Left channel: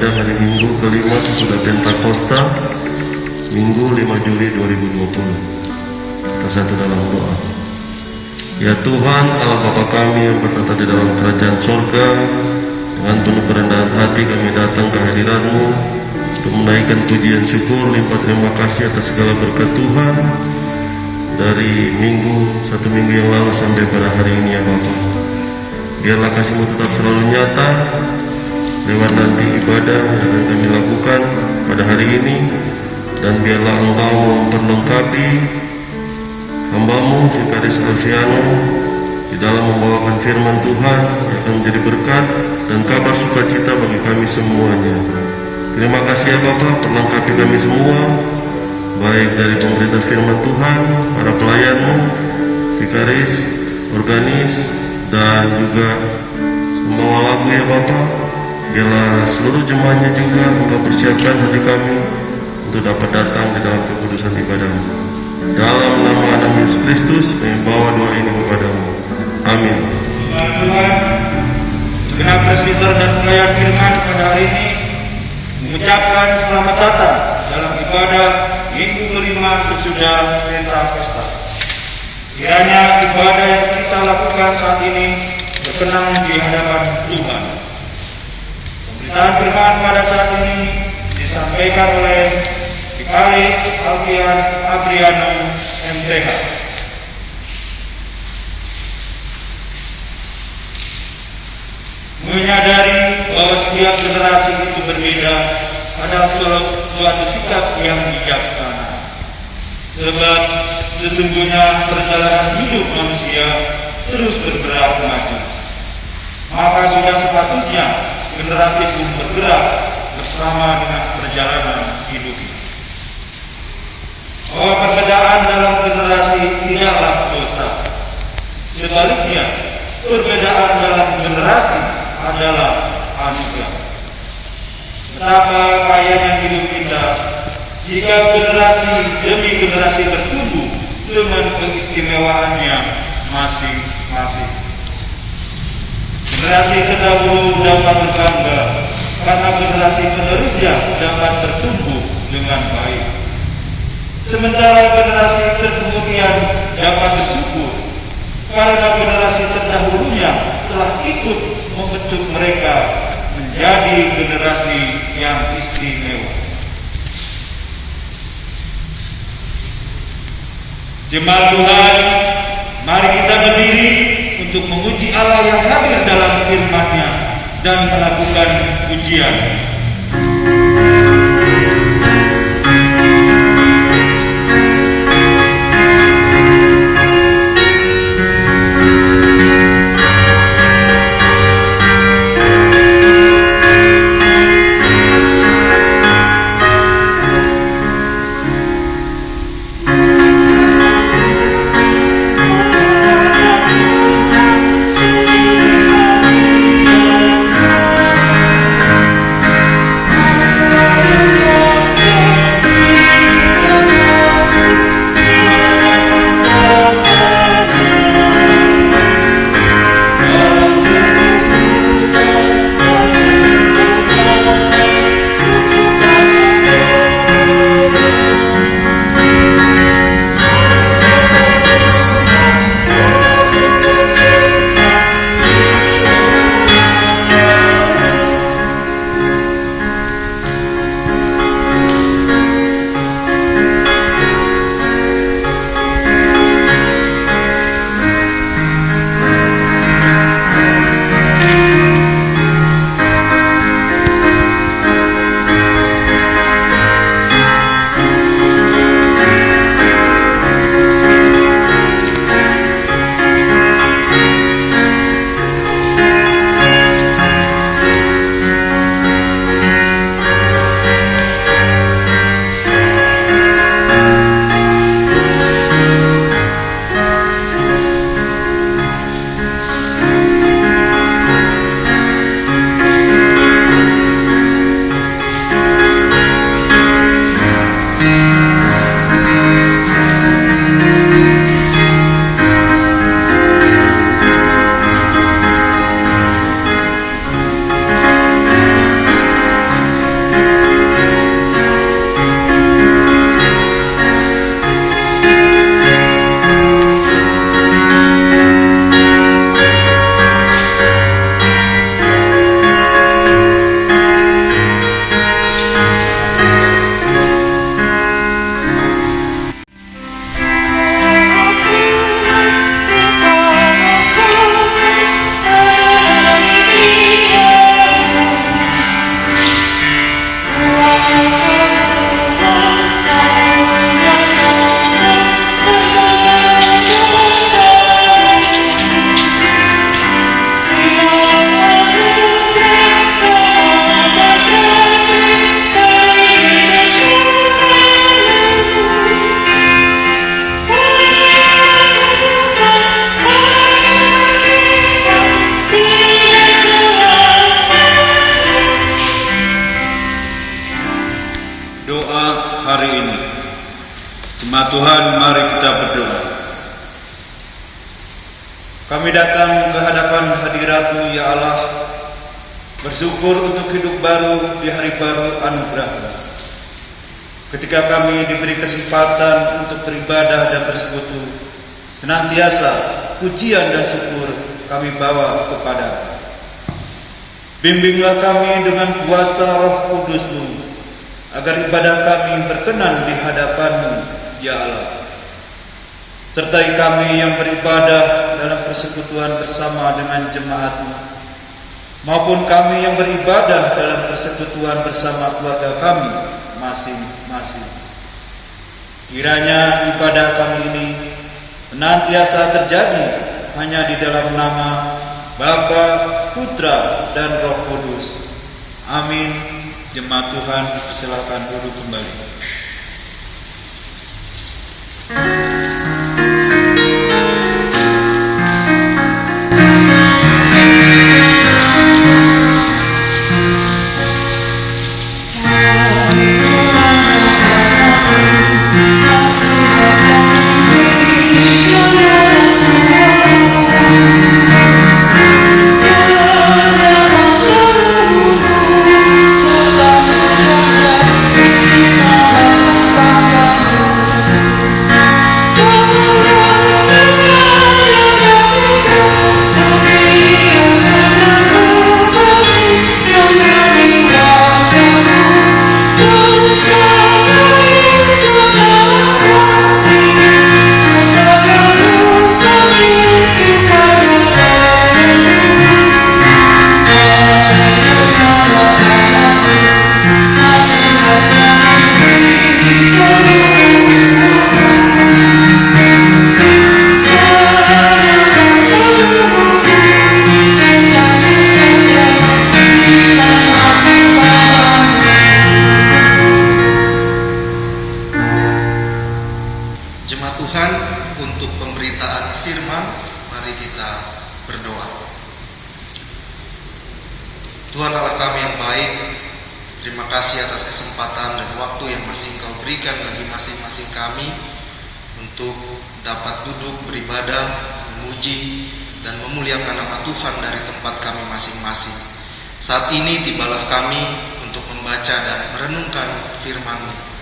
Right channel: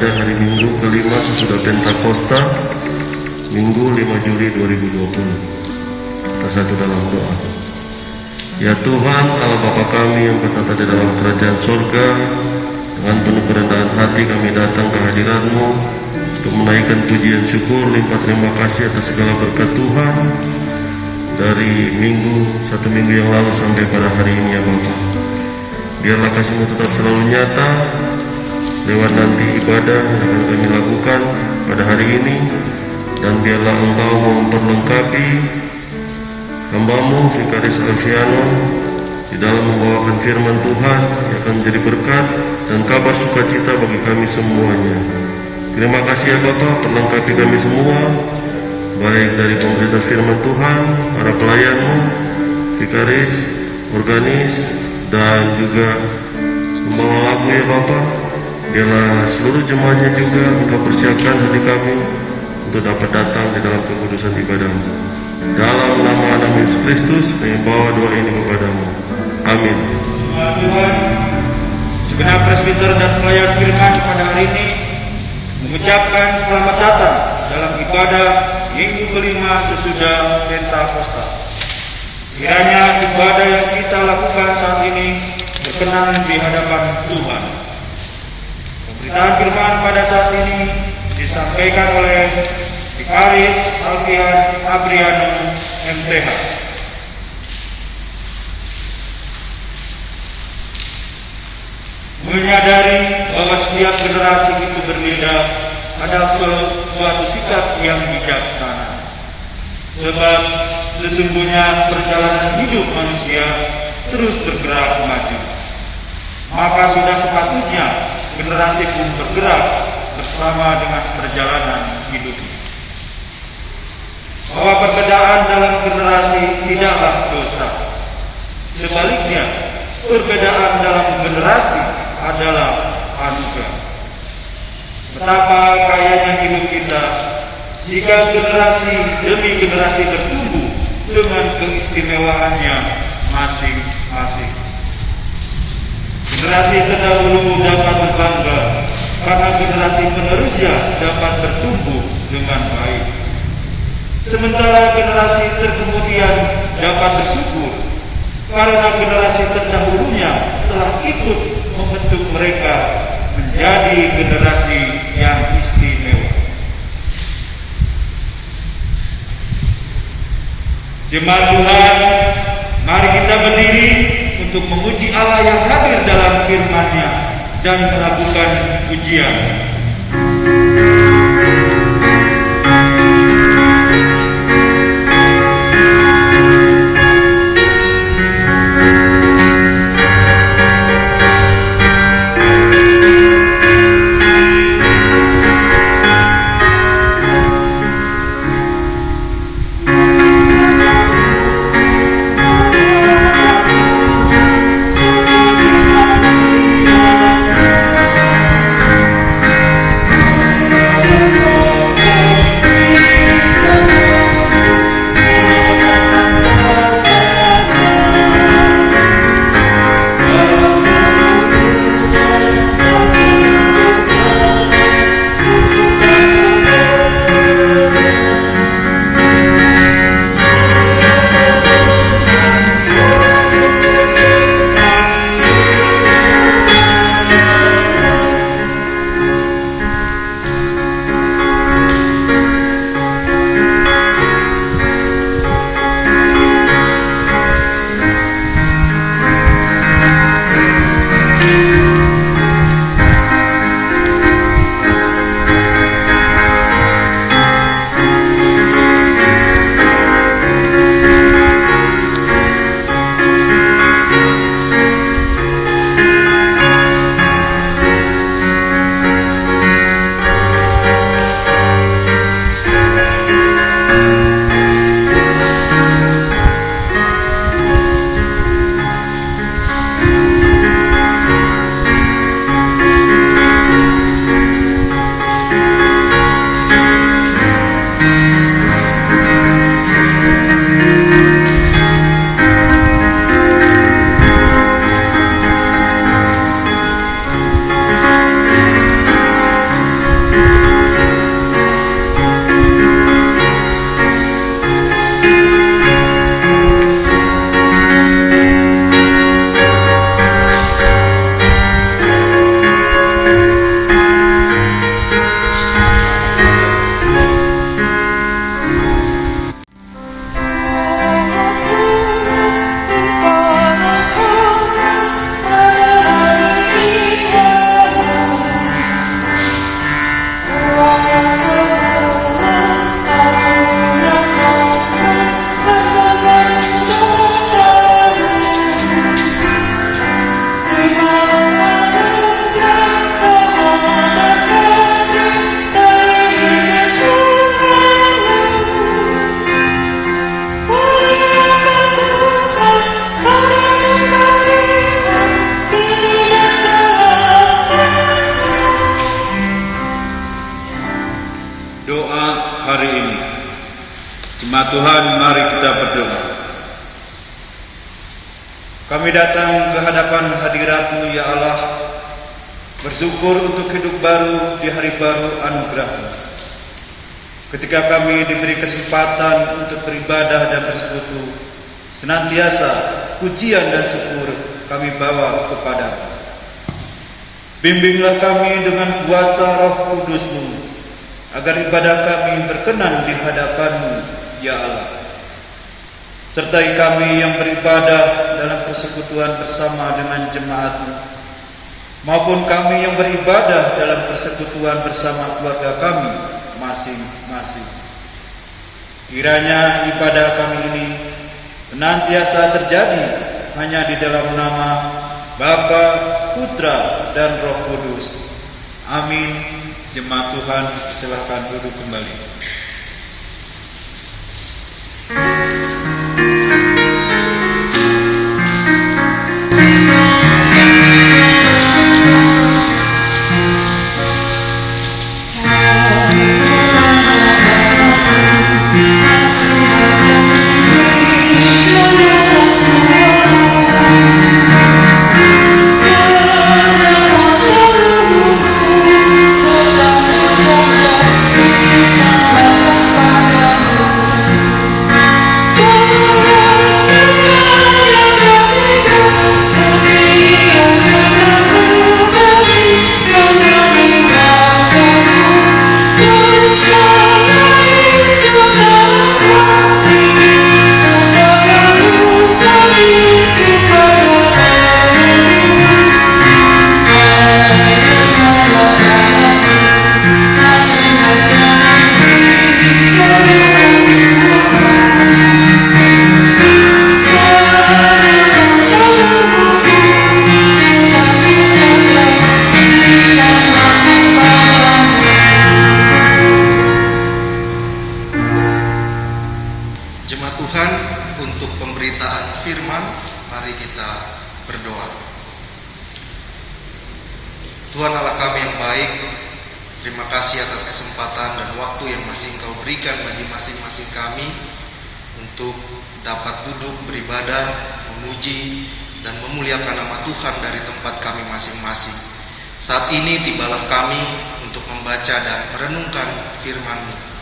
ibadah hari Minggu kelima sesudah Pentakosta, Minggu 5 Juli 2020. Kita satu dalam doa. Ya Tuhan, Allah Bapa kami yang bertata di dalam kerajaan surga, dengan penuh kerendahan hati kami datang ke hadirat-Mu untuk menaikkan pujian syukur, limpah terima kasih atas segala berkat Tuhan dari satu minggu yang lalu sampai pada hari ini ya Bapa. Biarlah kasih-Mu tetap selalu nyata lewat nanti ibadah yang akan kami lakukan pada hari ini, dan biarlah Engkau memperlengkapi hamba-Mu Vikaris Alfiano di dalam membawakan firman Tuhan yang akan menjadi berkat dan kabar sukacita bagi kami semuanya. Terima kasih ya Bapa, perlengkapi kami semua, baik dari pemerintah firman Tuhan, para pelayan-Mu, Vikaris, organis, dan juga membawa lagu ya Bapa. Biarlah seluruh jemaahnya juga Engkau persiapkan hati kami untuk dapat datang di dalam kekudusan ibadah-Mu. Dalam nama Anak Yesus Kristus kami bawa doa ini kepada-Mu. Amin. Tuhan, segenap presbiter dan pelayan firman pada hari ini mengucapkan selamat datang dalam ibadah Minggu kelima sesudah Pentakosta. Kiranya ibadah yang kita lakukan saat ini berkenan di hadapan Tuhan. Pemberitaan firman pada saat ini disampaikan oleh Vikaris Alfiano MTH. Menyadari bahwa setiap generasi itu berbeda adalah suatu sikap yang bijaksana. Sebab sesungguhnya perjalanan hidup manusia terus bergerak maju. Maka sudah sepatutnya generasi pun bergerak bersama dengan perjalanan hidupnya. Bahwa perbedaan dalam generasi tidaklah dosa. Sebaliknya, perbedaan dalam generasi adalah anugerah. Betapa kayanya hidup kita jika generasi demi generasi bertumbuh dengan keistimewaannya masing-masing. Generasi terdahulu dapat berbangga karena generasi penerusnya dapat bertumbuh dengan baik. Sementara generasi terkemudian dapat bersyukur karena generasi terdahulunya telah ikut membentuk mereka menjadi generasi yang istimewa. Jemaat Tuhan, mari kita berdiri untuk memuji Allah yang hadir dalam firman-Nya dan melakukan pujian. hari ini. Jemaat Tuhan, mari kita berdoa. Kami datang ke hadapan hadirat-Mu ya Allah, bersyukur untuk hidup baru di hari baru anugerah-Mu. Ketika kami diberi kesempatan untuk beribadah dan bersekutu, senantiasa pujian dan syukur kami bawa kepada-Mu. Bimbinglah kami dengan kuasa Roh Kudus-Mu, agar ibadah kami berkenan di hadapan-Mu ya Allah. Sertai kami yang beribadah dalam persekutuan bersama dengan jemaat-Mu, maupun kami yang beribadah dalam persekutuan bersama keluarga kami masing-masing. Kiranya ibadah kami ini senantiasa terjadi hanya di dalam nama Bapa, Putra, dan Roh Kudus. Amin. Jemaat Tuhan, silakan duduk kembali. Jemaat Tuhan, untuk pemberitaan firman, mari kita berdoa. Tuhan Allah kami yang baik, terima kasih atas kesempatan dan waktu yang masih Engkau berikan bagi masing-masing kami untuk dapat duduk beribadah, memuji, dan memuliakan nama Tuhan dari tempat kami masing-masing. Saat ini tibalah kami untuk membaca dan merenungkan firman-Mu.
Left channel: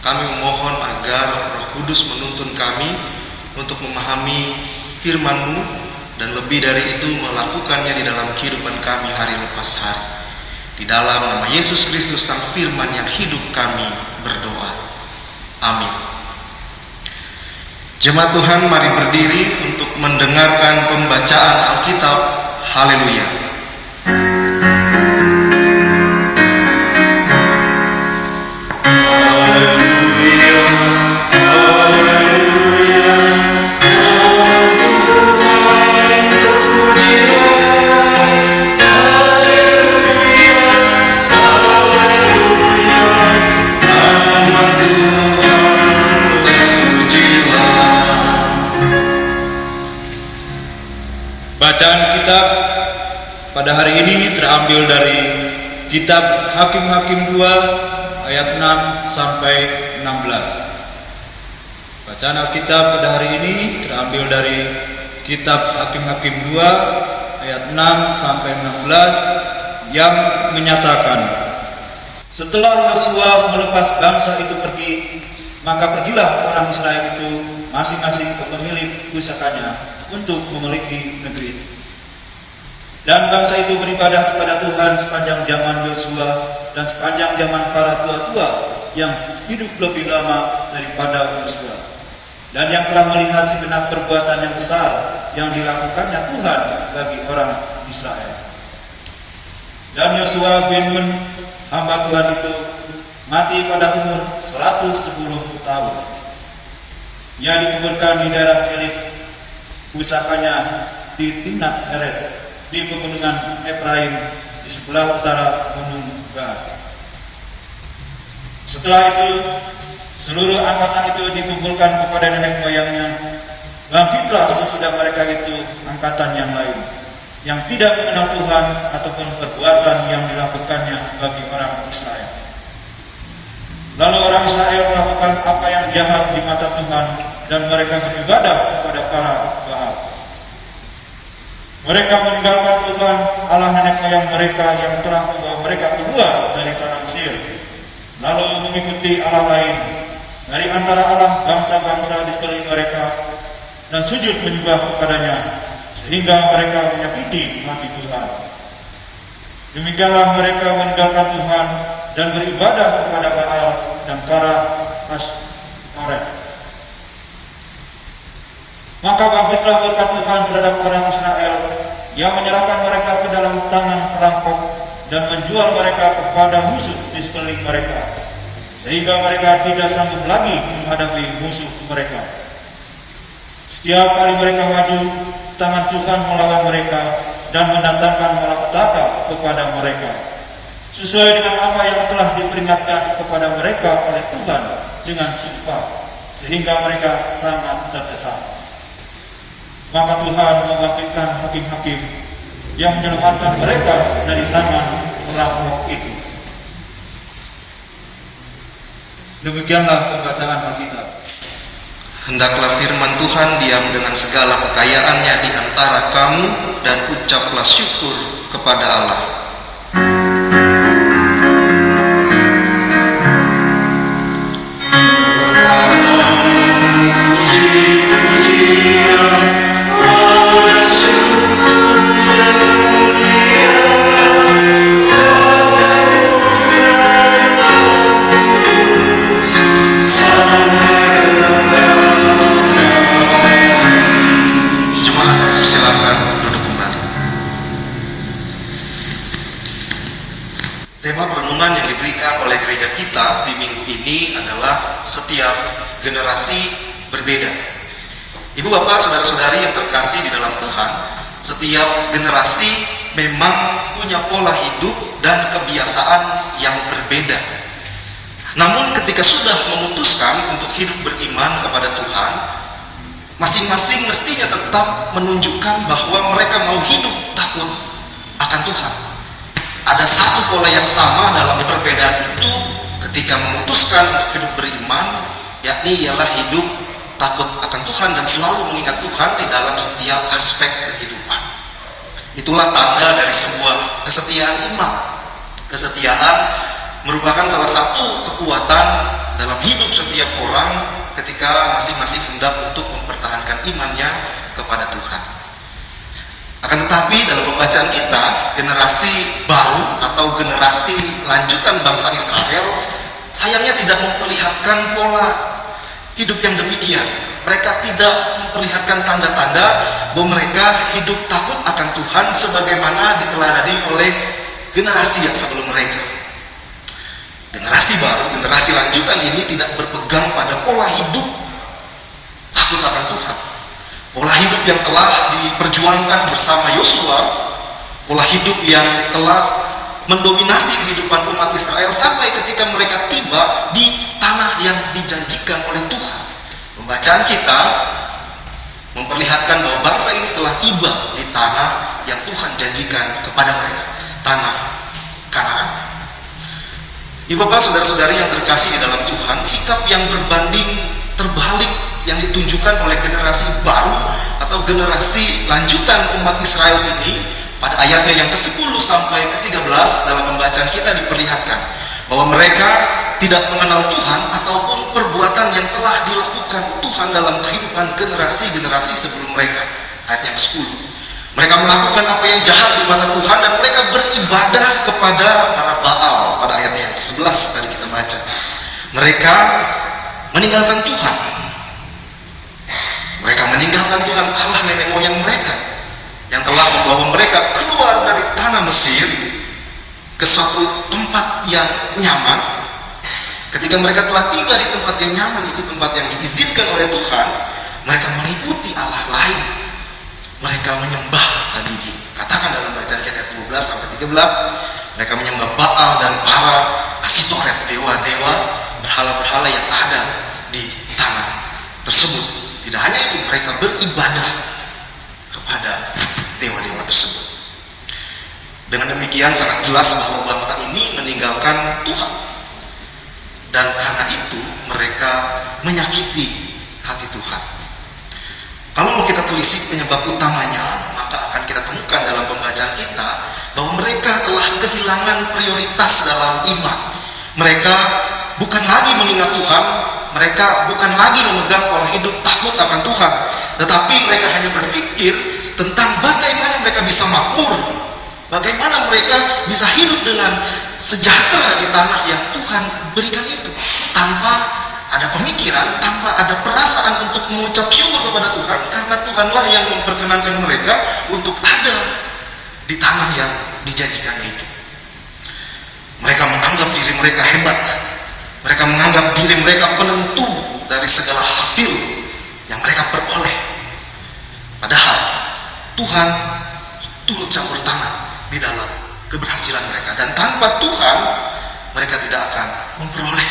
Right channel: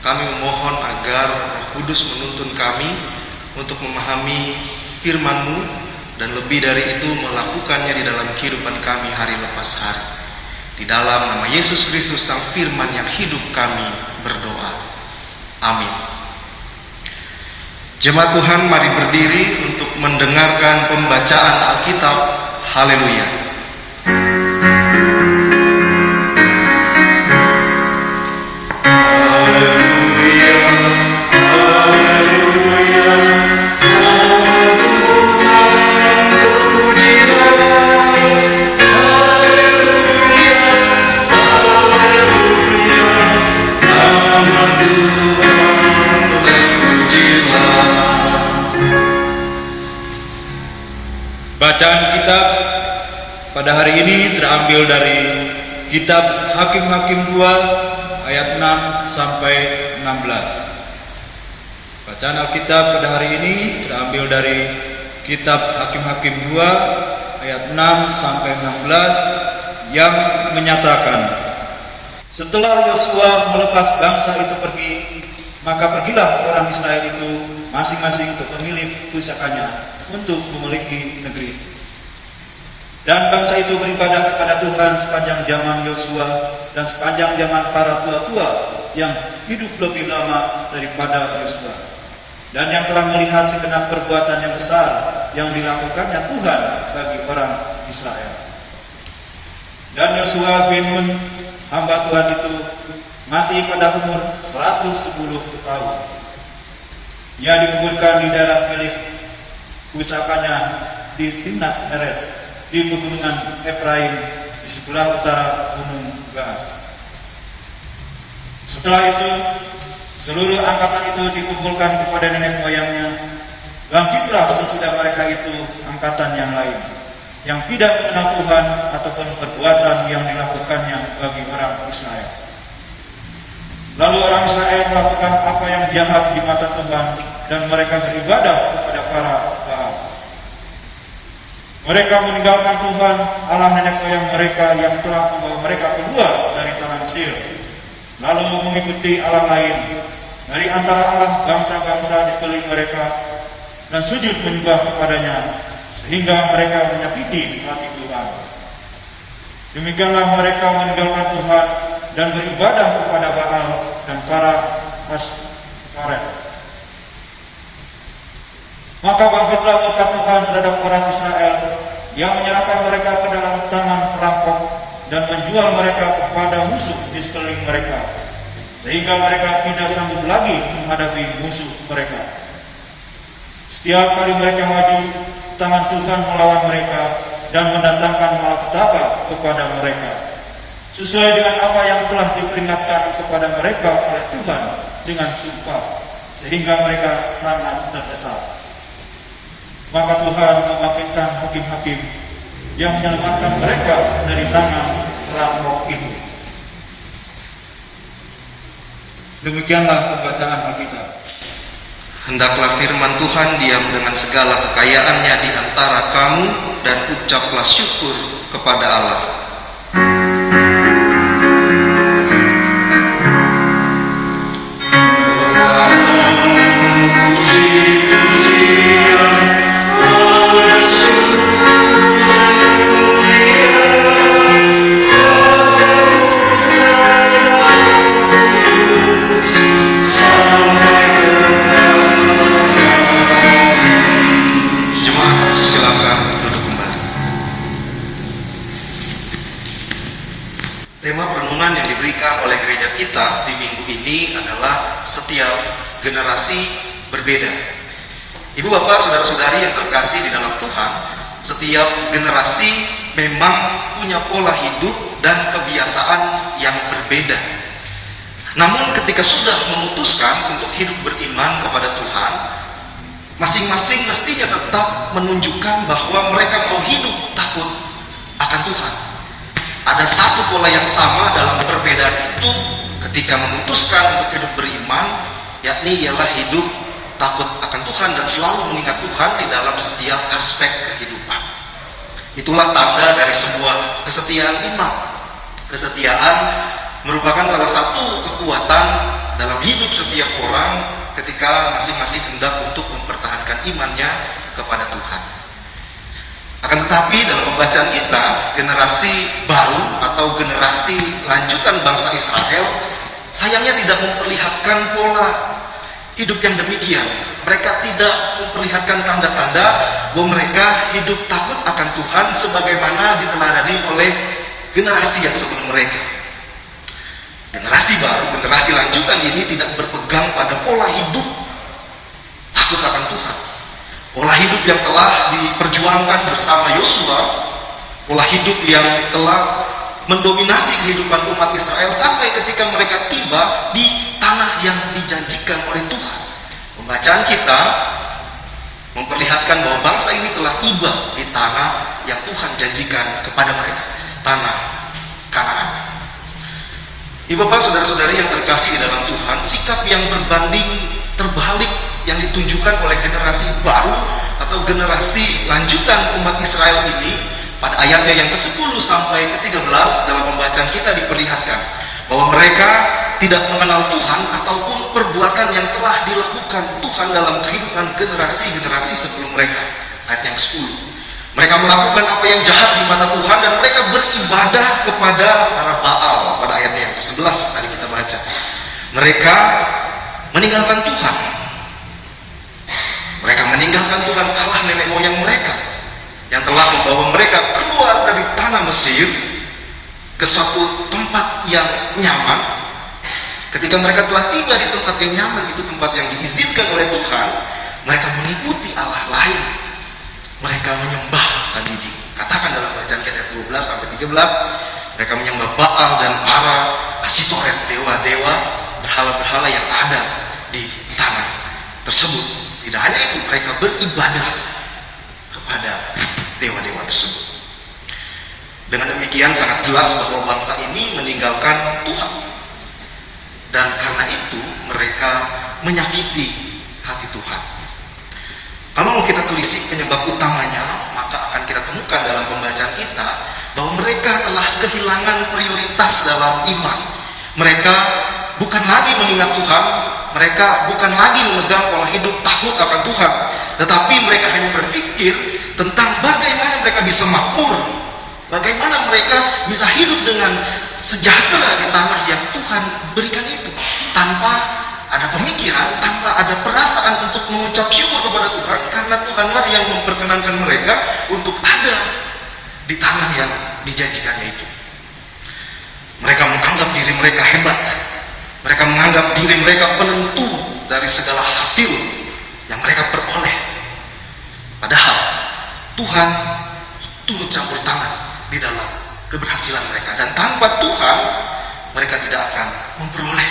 Kami memohon agar Roh Kudus menuntun kami untuk memahami firman-Mu dan lebih dari itu melakukannya di dalam kehidupan kami hari lepas hari. Di dalam nama Yesus Kristus Sang Firman yang hidup kami berdoa. Amin. Jemaat Tuhan, mari berdiri untuk mendengarkan pembacaan Alkitab. Haleluya. Bacaan kitab pada hari ini terambil dari kitab Hakim-Hakim 2 ayat 6 sampai 16. Bacaan Alkitab pada hari ini terambil dari kitab Hakim-Hakim 2 ayat 6 sampai 16 yang menyatakan, setelah Yosua melepas bangsa itu pergi, maka pergilah orang Israel itu masing-masing ke pemilik pusakanya untuk memiliki negeri. Dan bangsa itu beribadah kepada Tuhan sepanjang zaman Yosua dan sepanjang zaman para tua-tua yang hidup lebih lama daripada Yosua, dan yang telah melihat segenap perbuatan yang besar yang dilakukannya Tuhan bagi orang Israel. Dan Yosua bin Nun, hamba Tuhan itu, mati pada umur 110 tahun. Ia dikuburkan di daerah milik pusakanya di Timnat Heres di pegunungan Efraim di sebelah utara Gunung Gaas. Setelah itu, seluruh angkatan itu dikumpulkan kepada nenek moyangnya. Bangkitlah sesudah mereka itu angkatan yang lain, yang tidak mengenal Tuhan ataupun perbuatan yang dilakukannya bagi orang Israel. Lalu orang Israel melakukan apa yang jahat di mata Tuhan dan mereka beribadah kepada para Baal. Mereka meninggalkan Tuhan Allah nenek moyang mereka yang telah membawa mereka keluar dari tanah Mesir, lalu mengikuti Allah lain dari antara Allah bangsa-bangsa di sekeliling mereka dan sujud menyembah kepadanya, sehingga mereka menyakiti hati Tuhan. Demikianlah mereka meninggalkan Tuhan dan beribadah kepada Baal dan para Astaret. Maka bangkitlah murka Tuhan terhadap orang Israel yang menyerahkan mereka ke dalam tangan perampok dan menjual mereka kepada musuh di sekeliling mereka, sehingga mereka tidak sanggup lagi menghadapi musuh mereka. Setiap kali mereka maju, tangan Tuhan melawan mereka dan mendatangkan malapetaka kepada mereka, sesuai dengan apa yang telah diperingatkan kepada mereka oleh Tuhan dengan sumpah, sehingga mereka sangat terdesak. Maka Tuhan membangkitkan hakim-hakim yang menyelamatkan mereka dari tangan perampok itu. Demikianlah pembacaan Alkitab. Hendaklah firman Tuhan diam dengan segala kekayaannya di antara kamu, dan ucaplah syukur kepada Allah. Tema perenungan yang diberikan oleh gereja kita di minggu ini adalah setiap generasi berbeda. Ibu bapak saudara-saudari yang terkasih di dalam Tuhan, setiap generasi memang punya pola hidup dan kebiasaan yang berbeda. Namun ketika sudah memutuskan untuk hidup beriman kepada Tuhan, masing-masing mestinya tetap menunjukkan bahwa mereka mau hidup takut akan Tuhan. Ada satu pola yang sama dalam perbedaan itu ketika memutuskan untuk hidup beriman, yakni ialah hidup takut akan Tuhan dan selalu mengingat Tuhan di dalam setiap aspek kehidupan. Itulah tanda dari sebuah kesetiaan iman. Kesetiaan merupakan salah satu kekuatan dalam hidup setiap orang ketika masing-masing hendak untuk mempertahankan imannya kepada Tuhan. Akan tetapi dalam pembacaan kita, generasi baru atau generasi lanjutan bangsa Israel sayangnya tidak memperlihatkan pola hidup yang demikian. Mereka tidak memperlihatkan tanda-tanda bahwa mereka hidup takut akan Tuhan sebagaimana diteladani oleh generasi yang sebelum mereka. Generasi baru, generasi lanjutan ini tidak berpegang pada pola hidup takut akan Tuhan. Pola hidup yang telah diperjuangkan bersama Yosua, pola hidup yang telah mendominasi kehidupan umat Israel sampai ketika mereka tiba di tanah yang dijanjikan oleh Tuhan. Pembacaan kita memperlihatkan bahwa bangsa ini telah tiba di tanah yang Tuhan janjikan kepada mereka, tanah Kanaan. Ibu bapak saudara-saudari yang terkasih di dalam Tuhan, sikap yang berbanding terbalik yang ditunjukkan oleh generasi baru atau generasi lanjutan umat Israel ini pada ayatnya yang ke-10 sampai ke-13 dalam pembacaan kita diperlihatkan bahwa mereka tidak mengenal Tuhan ataupun perbuatan yang telah dilakukan Tuhan dalam kehidupan generasi-generasi sebelum mereka. Ayat yang ke-10, mereka melakukan apa yang jahat di mata Tuhan dan mereka beribadah kepada para Baal. Pada ayat yang ke-11 tadi kita baca, mereka meninggalkan Tuhan. Mereka meninggalkan Tuhan Allah nenek moyang mereka yang telah membawa mereka keluar dari tanah Mesir ke suatu tempat yang nyaman. Ketika mereka telah tiba di tempat yang nyaman, itu tempat yang diizinkan oleh Tuhan, mereka mengikuti Allah lain. Mereka menyembah, tadi dikatakan dalam bacaan ayat 12 sampai 13, mereka menyembah Baal dan para Astaret, dewa-dewa berhala-berhala yang ada di tanah tersebut. Tidak hanya itu, mereka beribadah kepada dewa-dewa tersebut. Dengan demikian sangat jelas bahwa bangsa ini meninggalkan Tuhan. dan karena itu mereka menyakiti hati Tuhan. Kalau mau kita telisik penyebab utamanya, maka akan kita temukan dalam pembacaan kita bahwa mereka telah kehilangan prioritas dalam iman. Mereka bukan lagi mengingat Tuhan, mereka bukan lagi memegang pola hidup takut akan Tuhan, tetapi mereka hanya berpikir tentang bagaimana mereka bisa makmur, bagaimana mereka bisa hidup dengan sejahtera di tanah yang Tuhan berikan itu, tanpa ada pemikiran, tanpa ada perasaan untuk mengucap syukur kepada Tuhan, karena Tuhanlah yang memperkenankan mereka untuk ada di tanah yang dijanjikannya itu. Mereka menganggap diri mereka hebat, mereka menganggap diri mereka penentu dari segala hasil yang mereka peroleh. Padahal Tuhan turut campur tangan di dalam keberhasilan mereka, dan tanpa Tuhan mereka tidak akan memperoleh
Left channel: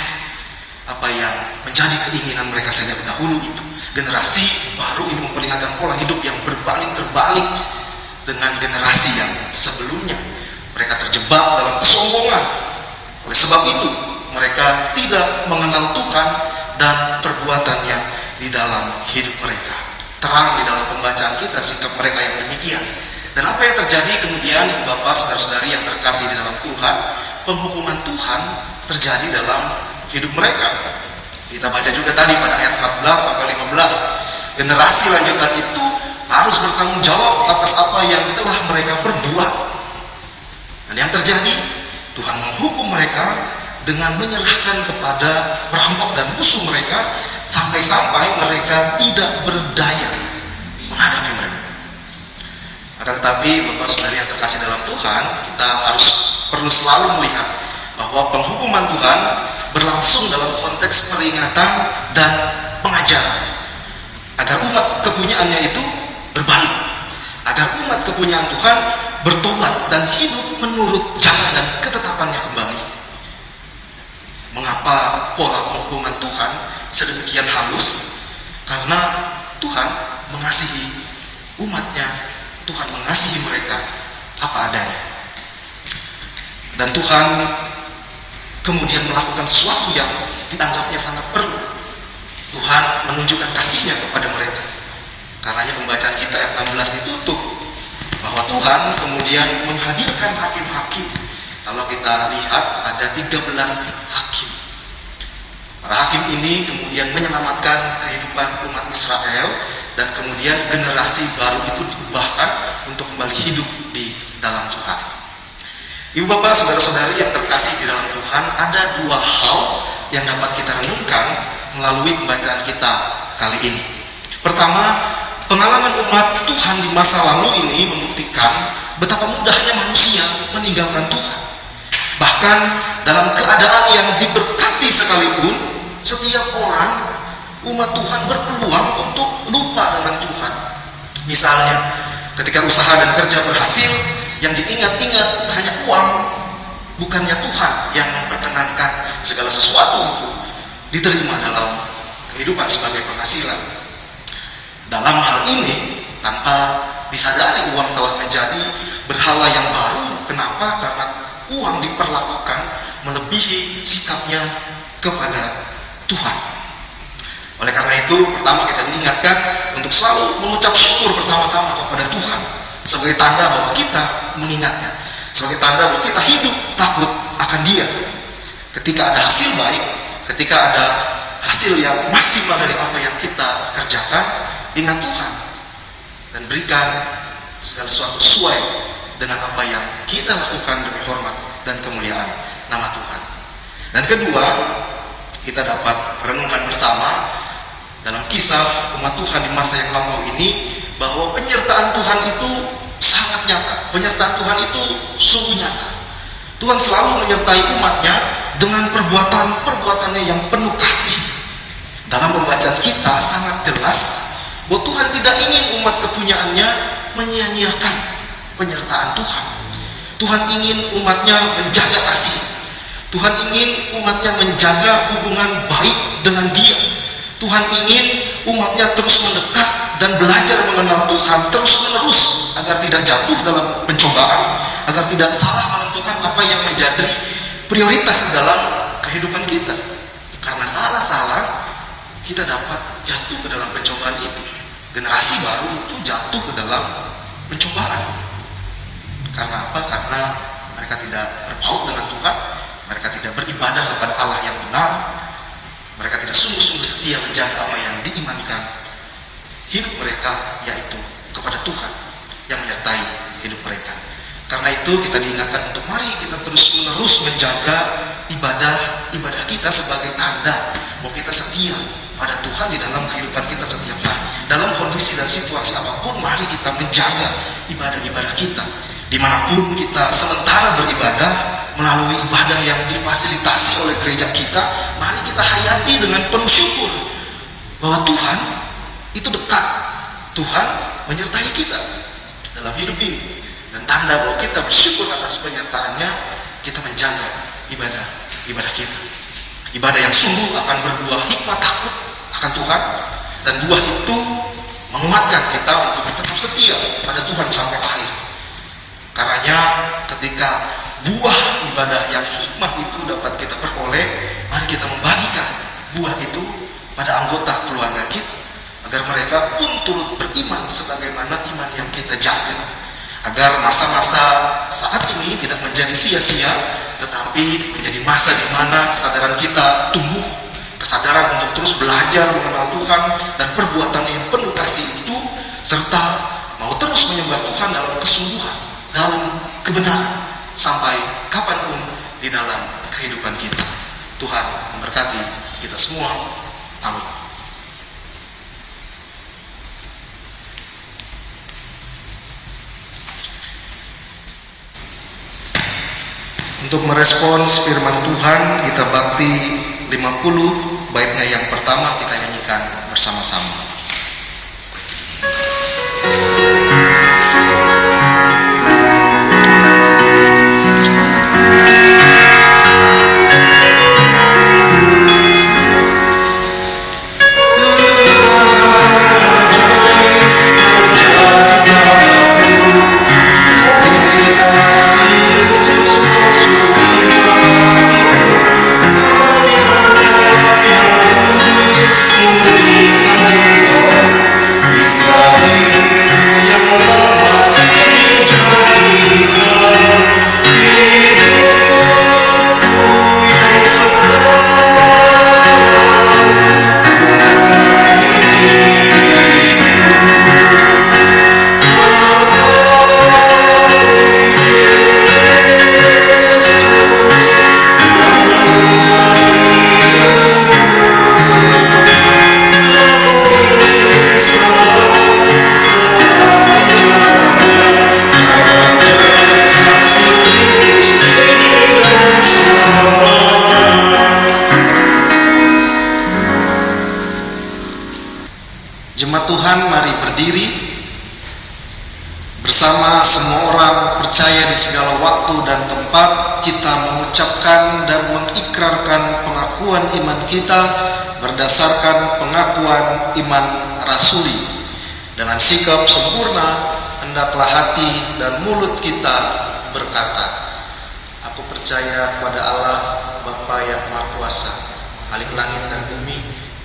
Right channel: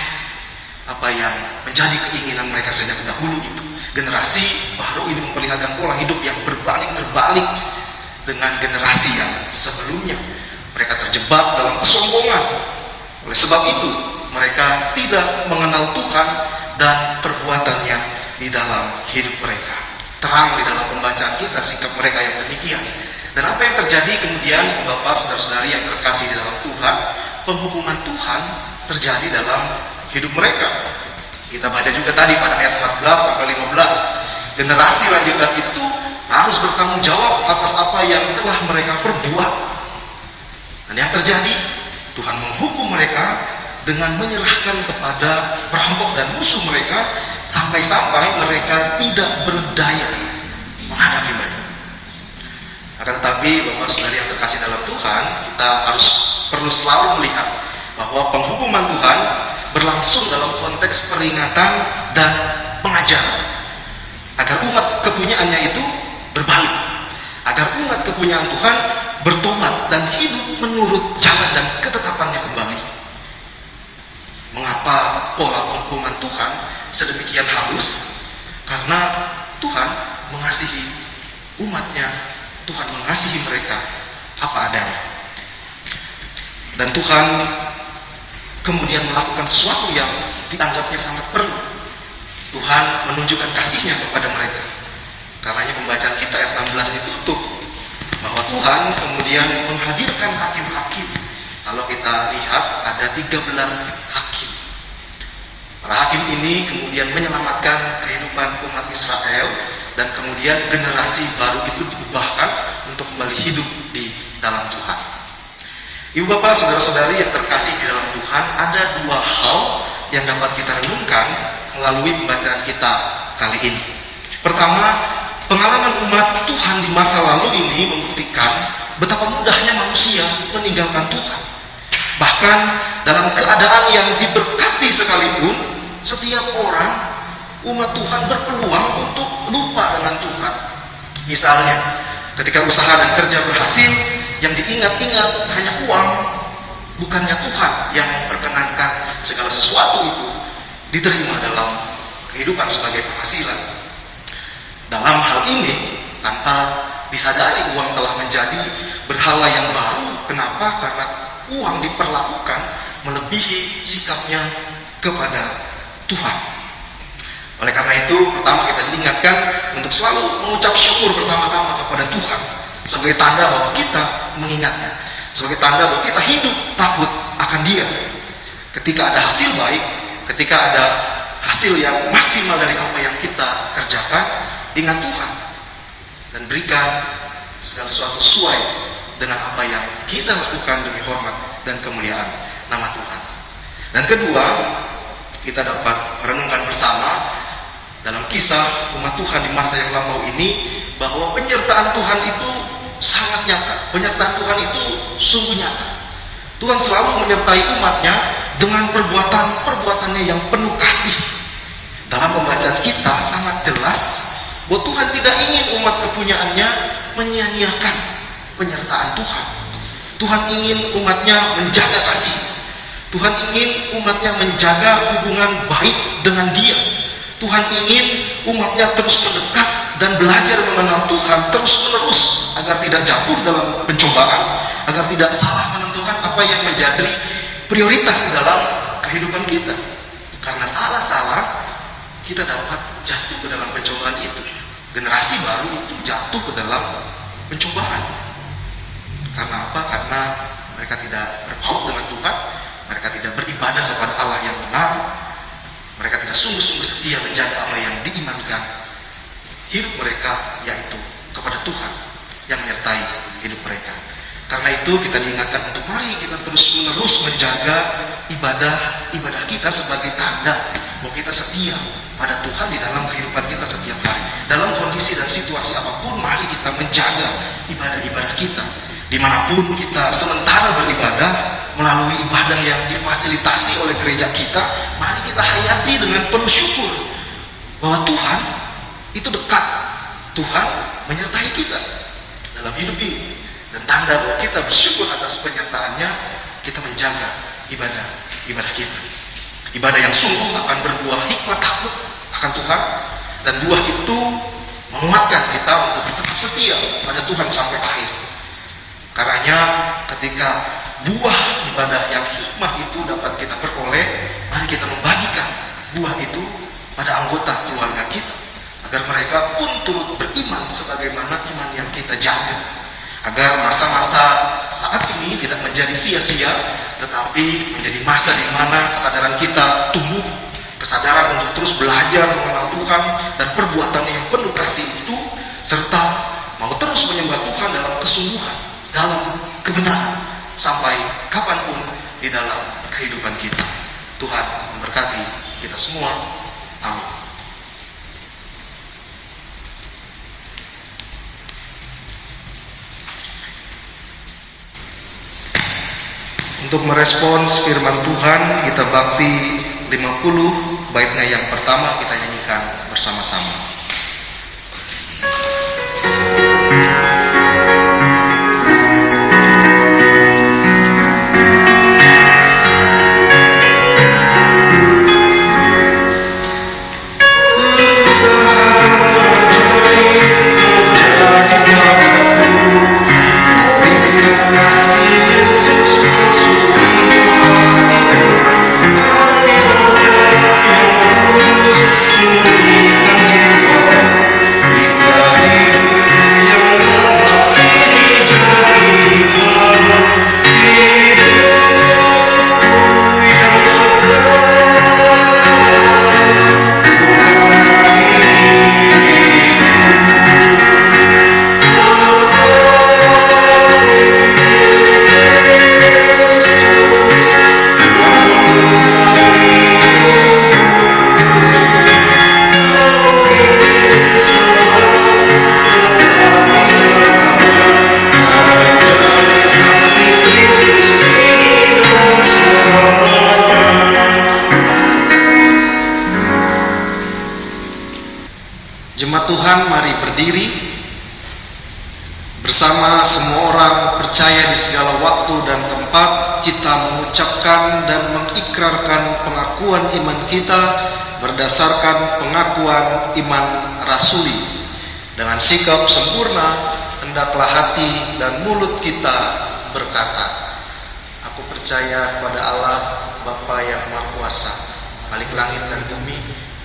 apa yang menjadi keinginan mereka sejak dahulu itu. Generasi baru ini memperlihatkan pola hidup yang berbalik terbalik dengan generasi yang sebelumnya. Mereka terjebak dalam kesombongan. Oleh sebab itu mereka tidak mengenal Tuhan dan perbuatannya di dalam hidup mereka. Terang di dalam pembacaan kita sikap mereka yang demikian. Dan apa yang terjadi kemudian, Bapak, saudara-saudari yang terkasih di dalam Tuhan, penghukuman Tuhan terjadi dalam hidup mereka. Kita baca juga tadi pada ayat 14 sampai 15. Generasi lanjutan itu harus bertanggung jawab atas apa yang telah mereka perbuat. Dan yang terjadi, Tuhan menghukum mereka dengan menyerahkan kepada perampok dan musuh mereka, sampai-sampai mereka tidak berdaya menghadapi mereka. Akan tetapi, Bapak Saudari yang terkasih dalam Tuhan, kita harus perlu selalu melihat bahwa penghukuman Tuhan berlangsung dalam konteks peringatan dan pengajaran, agar umat kepunyaannya itu berbalik, agar umat kepunyaan Tuhan bertobat dan hidup menurut jalan dan ketetapannya kembali. Mengapa pola penghukuman Tuhan sedemikian halus? Karena Tuhan mengasihi umatnya, Tuhan mengasihi mereka apa adanya, dan Tuhan kemudian melakukan sesuatu yang dianggapnya sangat perlu. Tuhan menunjukkan kasihnya kepada mereka. Karenanya pembacaan kita ayat 16 ditutup bahwa Tuhan kemudian menghadirkan hakim-hakim. Kalau kita lihat ada 13 hakim. Para hakim ini kemudian menyelamatkan kehidupan umat Israel, dan kemudian generasi baru itu diubahkan untuk kembali hidup di dalam Tuhan. Ibu bapak, saudara-saudari yang terkasih di dalam Tuhan, ada dua hal yang dapat kita renungkan melalui pembacaan kita kali ini. Pertama, pengalaman umat Tuhan di masa lalu ini membuktikan betapa mudahnya manusia meninggalkan Tuhan. Bahkan dalam keadaan yang diberkati sekalipun, setiap orang, umat Tuhan berpeluang untuk lupa dengan Tuhan. Misalnya, ketika usaha dan kerja berhasil, yang diingat-ingat hanya uang, bukannya Tuhan yang memperkenankan segala sesuatu itu diterima dalam kehidupan sebagai penghasilan. Dalam hal ini, tanpa disadari uang telah menjadi berhala yang baru. Kenapa? Karena uang diperlakukan melebihi sikapnya kepada Tuhan. Oleh karena itu, pertama kita diingatkan untuk selalu mengucap syukur pertama-tama kepada Tuhan, sebagai tanda bahwa kita mengingatnya, sebagai tanda bahwa kita hidup takut akan Dia. Ketika ada hasil baik, ketika ada hasil yang maksimal dari apa yang kita kerjakan, ingat Tuhan dan berikan segala sesuatu sesuai dengan apa yang kita lakukan demi hormat dan kemuliaan nama Tuhan. Dan kedua, kita dapat renungkan bersama dalam kisah umat Tuhan di masa yang lampau ini, bahwa penyertaan Tuhan itu sangat nyata. Penyertaan Tuhan itu sungguh nyata. Tuhan selalu menyertai umatnya dengan perbuatannya yang penuh kasih. Dalam pembacaan kita sangat jelas bahwa Tuhan tidak ingin umat kepunyaannya menyia-nyiakan penyertaan Tuhan. Tuhan ingin umatnya menjaga kasih. Tuhan ingin umatnya menjaga hubungan baik dengan Dia. Tuhan ingin umatnya terus mendekat dan belajar mengenal Tuhan terus-menerus, agar tidak jatuh dalam pencobaan, agar tidak salah menentukan apa yang menjadi prioritas di dalam kehidupan kita. karena salah-salah kita dapat jatuh ke dalam pencobaan itu. Generasi baru itu jatuh ke dalam pencobaan. Karena apa? Karena mereka tidak berpaut dengan Tuhan, mereka tidak beribadah kepada Allah yang benar, mereka tidak sungguh-sungguh setia menjaga apa yang diimankan. Hidup mereka yaitu kepada Tuhan yang menyertai hidup mereka. Karena itu kita diingatkan untuk mari kita terus-menerus menjaga ibadah kita sebagai tanda bahwa kita setia pada Tuhan di dalam kehidupan kita setiap hari. Dalam kondisi dan situasi apapun, mari kita menjaga ibadah-ibadah kita. Dimanapun kita sementara beribadah melalui ibadah yang difasilitasi oleh gereja kita, mari kita hayati dengan penuh syukur bahwa Tuhan itu dekat. Tuhan menyertai kita dalam hidup ini. Dan tanda bahwa kita bersyukur atas penyertaannya, kita menjaga ibadah kita. Ibadah yang sungguh akan berbuah hikmat takut akan Tuhan, dan buah itu menguatkan kita untuk tetap setia pada Tuhan sampai akhir. Karenanya ketika buah ibadah yang hikmat itu dapat kita peroleh, mari kita membagikan buah itu pada anggota keluarga kita, agar mereka pun turut beriman sebagaimana iman yang kita jaga. Agar masa-masa saat ini tidak menjadi sia-sia, tetapi menjadi masa di mana kesadaran kita tumbuh, kesadaran untuk terus belajar mengenal Tuhan dan perbuatan yang penuh kasih itu, serta mau terus menyembah Tuhan dalam kesungguhan, dalam kebenaran, sampai kapanpun di dalam kehidupan kita. Tuhan memberkati kita semua. Amin. Untuk merespons firman Tuhan, kita bakti 50, baitnya yang pertama kita nyanyikan bersama-sama. Jemaat Tuhan, mari berdiri bersama semua orang percaya di segala waktu dan tempat. Kita mengucapkan dan mengikrarkan pengakuan iman kita berdasarkan pengakuan iman rasuli. Dengan sikap sempurna, hendaklah hati dan mulut kita berkata, aku percaya kepada Allah Bapa yang Maha Kuasa, Khalik langit dan bumi,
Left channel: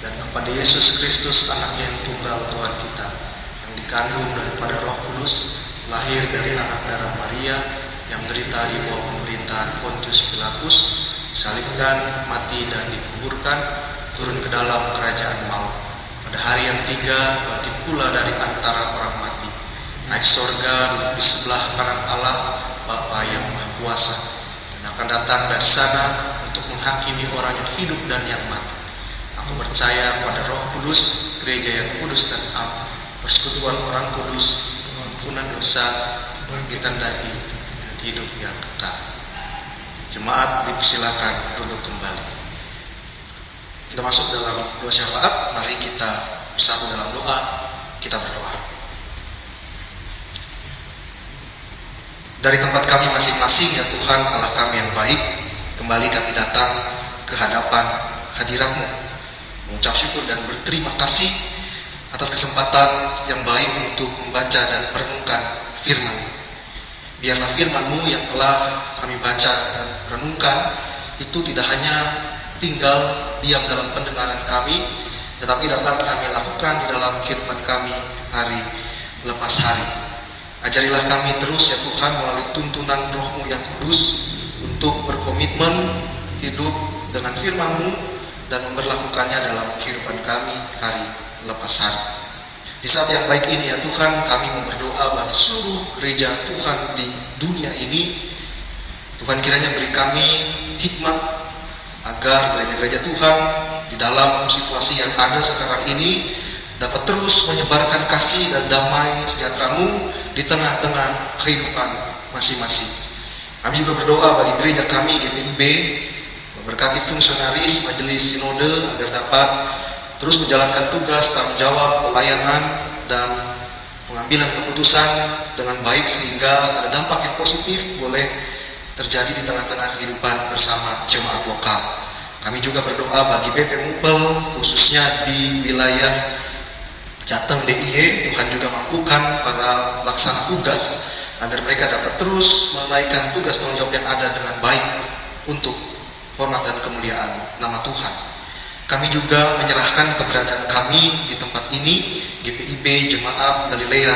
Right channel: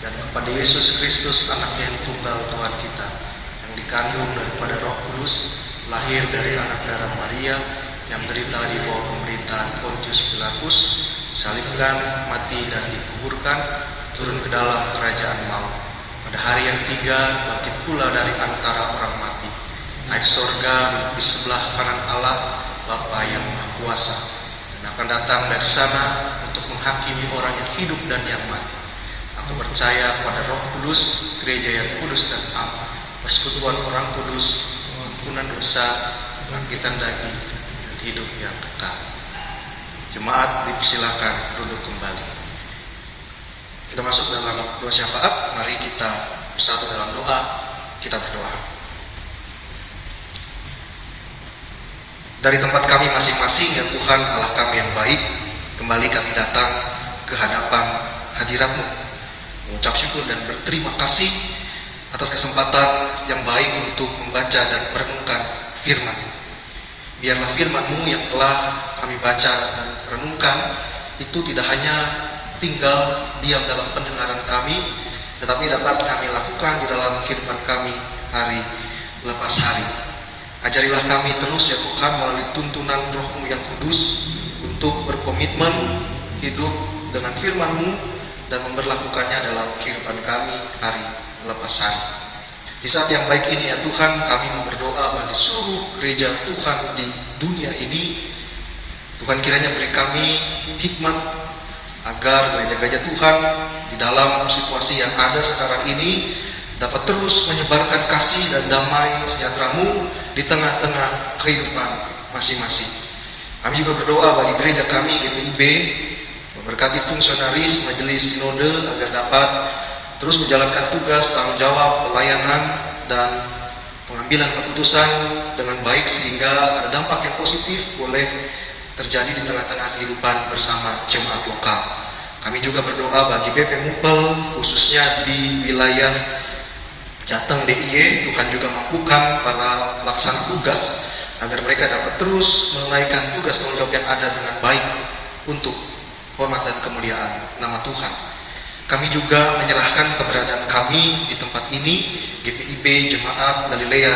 dan kepada Yesus Kristus anaknya yang tunggal Tuhan kita, yang dikandung daripada Roh Kudus, lahir dari anak darah Maria, yang menderita di bawah pemerintahan Pontius Pilatus, disalibkan, mati dan dikuburkan, turun ke dalam kerajaan maut. Pada hari yang tiga bangkit pula dari antara orang mati, naik sorga, duduk di sebelah kanan Allah Bapa yang Maha Kuasa, dan akan datang dari sana untuk menghakimi orang yang hidup dan yang mati. Aku percaya pada Roh Kudus, gereja yang kudus dan am, persekutuan orang kudus, pengampunan dosa, kebangkitan daging, dan hidup yang kekal. Jemaat dipersilakan duduk kembali. Kita masuk dalam doa syafaat. Mari kita bersatu dalam doa. Kita berdoa. Dari tempat kami masing-masing, ya Tuhan Allah kami yang baik, kembali kami datang ke hadapan hadirat-Mu, mengucap syukur dan berterima kasih atas kesempatan yang baik untuk membaca dan merenungkan firman. Biarlah firman-Mu yang telah kami baca dan renungkan itu tidak hanya tinggal diam dalam pendengaran kami, tetapi dapat kami lakukan di dalam kehidupan kami hari lepas hari. Ajarilah kami terus ya Tuhan melalui tuntunan Roh-Mu yang kudus untuk berkomitmen hidup dengan firman-Mu dan memberlakukannya dalam kehidupan kami hari lepas hari. Di saat yang baik ini ya Tuhan, kami mau berdoa bagi seluruh gereja Tuhan di dunia ini. Tuhan kiranya beri kami hikmat agar gereja-gereja Tuhan di dalam situasi yang ada sekarang ini dapat terus menyebarkan kasih dan damai sejahtera-Mu di tengah-tengah kehidupan masing-masing. Kami juga berdoa bagi gereja kami GPIB, memberkati fungsionaris majelis sinode agar dapat terus menjalankan tugas, tanggung jawab, pelayanan, dan pengambilan keputusan dengan baik sehingga ada dampak yang positif boleh terjadi di tengah-tengah kehidupan bersama jemaat lokal. Kami juga berdoa bagi BP Mupel, khususnya di wilayah Jateng DIY. Tuhan juga mampukan para pelaksana tugas agar mereka dapat terus menunaikan tugas tanggung jawab yang ada dengan baik untuk hormat dan kemuliaan nama Tuhan. Kami juga menyerahkan keberadaan kami di tempat ini, GPIB Jemaat Galilea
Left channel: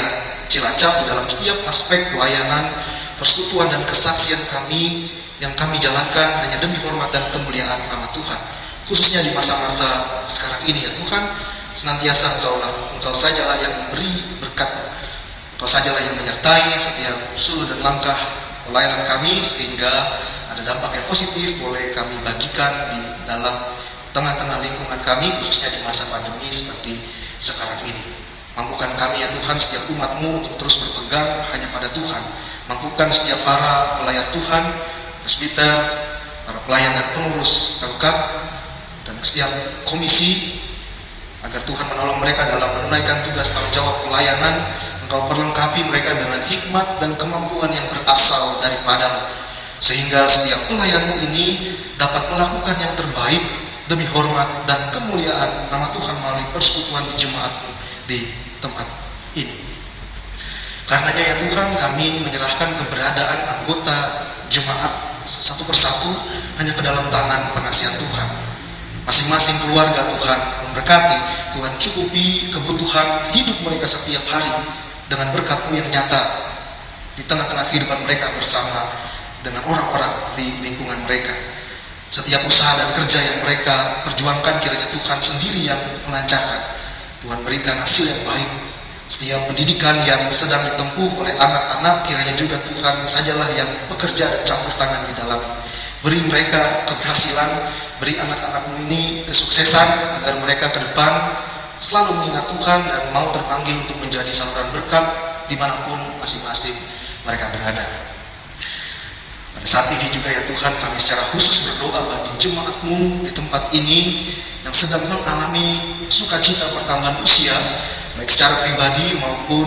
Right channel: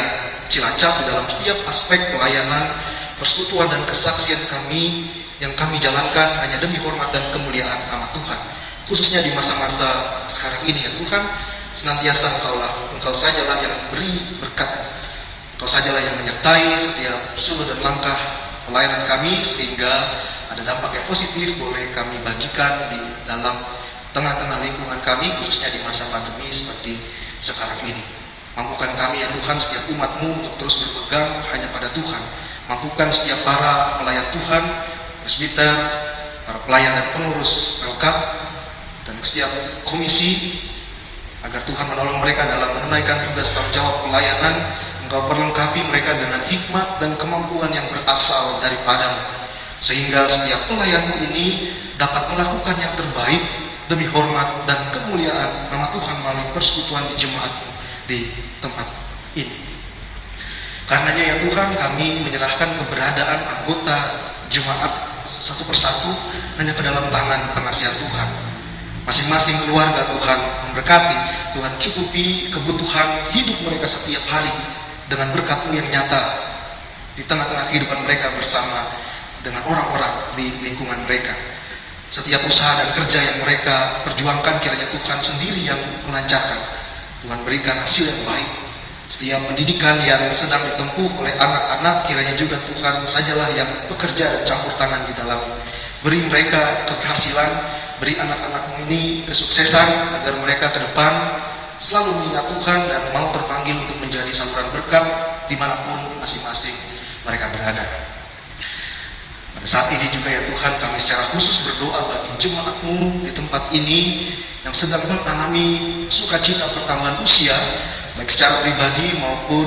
Cilacap, dalam setiap aspek pelayanan, persekutuan dan kesaksian kami yang kami jalankan hanya demi hormat dan kemuliaan nama Tuhan. Khususnya di masa-masa sekarang ini ya Tuhan, senantiasa Engkau sajalah yang memberi berkat, Engkau sajalah yang menyertai setiap usul dan langkah pelayanan kami sehingga ada dampak yang positif boleh kami bagikan di dalam tengah-tengah lingkungan kami, khususnya di masa pandemi seperti sekarang ini. Mampukan kami ya Tuhan, setiap umat-Mu untuk terus berpegang hanya pada Tuhan. Mampukan setiap para pelayar Tuhan, presbiter, para pelayan dan pengurus pemkab, dan setiap komisi, agar Tuhan menolong mereka dalam menunaikan tugas tanggung jawab pelayanan. Engkau perlengkapi mereka dengan hikmat dan kemampuan yang berasal daripada-Mu, sehingga setiap pelayan ini dapat melakukan yang terbaik demi hormat dan kemuliaan nama Tuhan melalui persekutuan di jemaat di tempat ini. Karenanya ya Tuhan, kami menyerahkan keberadaan anggota jemaat satu persatu hanya ke dalam tangan penasihat Tuhan. Masing-masing keluarga Tuhan memberkati, Tuhan cukupi kebutuhan hidup mereka setiap hari dengan berkat-Mu yang nyata di tengah-tengah kehidupan mereka bersama dengan orang-orang di lingkungan mereka. Setiap usaha dan kerja yang mereka perjuangkan kiranya Tuhan sendiri yang melancarkan. Tuhan berikan hasil yang baik. Setiap pendidikan yang sedang ditempuh oleh anak-anak kiranya juga Tuhan sajalah yang bekerja dan campur tangan di dalam. Beri mereka keberhasilan, beri anak-anak-Mu ini kesuksesan agar mereka ke depan selalu mengingat Tuhan dan mau terpanggil untuk menjadi saluran berkat dimanapun masing-masing mereka berada. Pada saat ini juga ya Tuhan, kami secara khusus berdoa bagi jemaat-Mu di tempat ini yang sedang mengalami sukacita pertambahan usia, baik secara pribadi maupun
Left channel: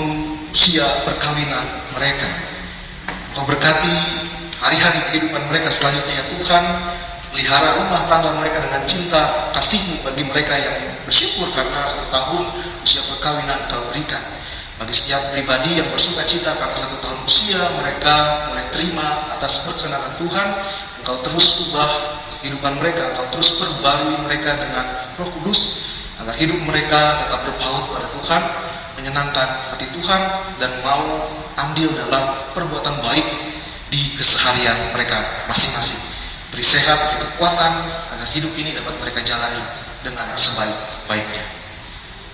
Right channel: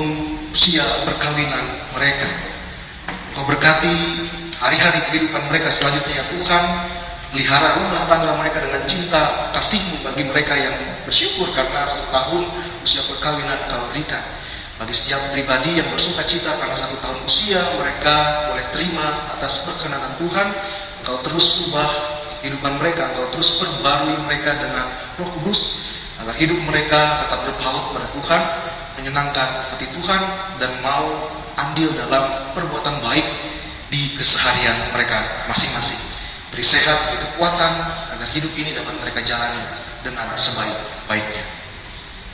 usia perkawinan mereka. Engkau berkati hari-hari kehidupan mereka selanjutnya ya Tuhan. Pelihara rumah tangga mereka dengan cinta kasih-Mu bagi mereka yang bersyukur karena 1 tahun usia perkawinan Kau berikan. Bagi setiap pribadi yang bersuka cita karena 1 tahun usia mereka boleh terima atas perkenan Tuhan, Engkau terus ubah kehidupan mereka, Engkau terus perbarui mereka dengan Roh Kudus agar hidup mereka tetap berpaut pada Tuhan, menyenangkan hati Tuhan, dan mau andil dalam perbuatan baik di keseharian mereka masing-masing. Beri sehat, beri kekuatan agar hidup ini dapat mereka jalani dengan sebaik-baiknya.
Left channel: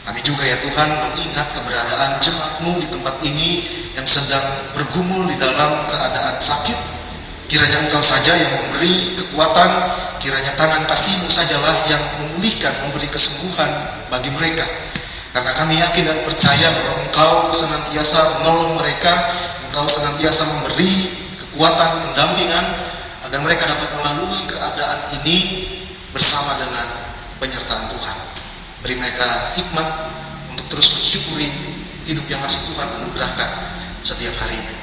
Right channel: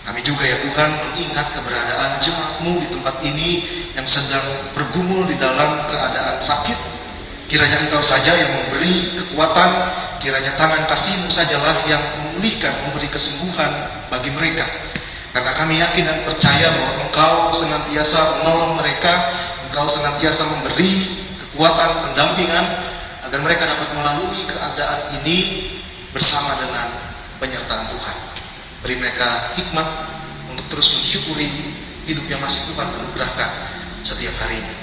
Kami juga ya Tuhan mengingat keberadaan jemaat-Mu di tempat ini yang sedang bergumul di dalam keadaan sakit. Kiranya Engkau saja yang memberi kekuatan, kiranya tangan kasih-Mu sajalah yang memulihkan, memberi kesembuhan bagi mereka. Karena kami yakin dan percaya bahwa Engkau senantiasa menolong mereka, Engkau senantiasa memberi kekuatan, pendampingan, agar mereka dapat melalui keadaan ini bersama dengan penyertaan Tuhan. Beri mereka hikmat untuk terus mensyukuri hidup yang masih Tuhan anugerahkan setiap hari ini.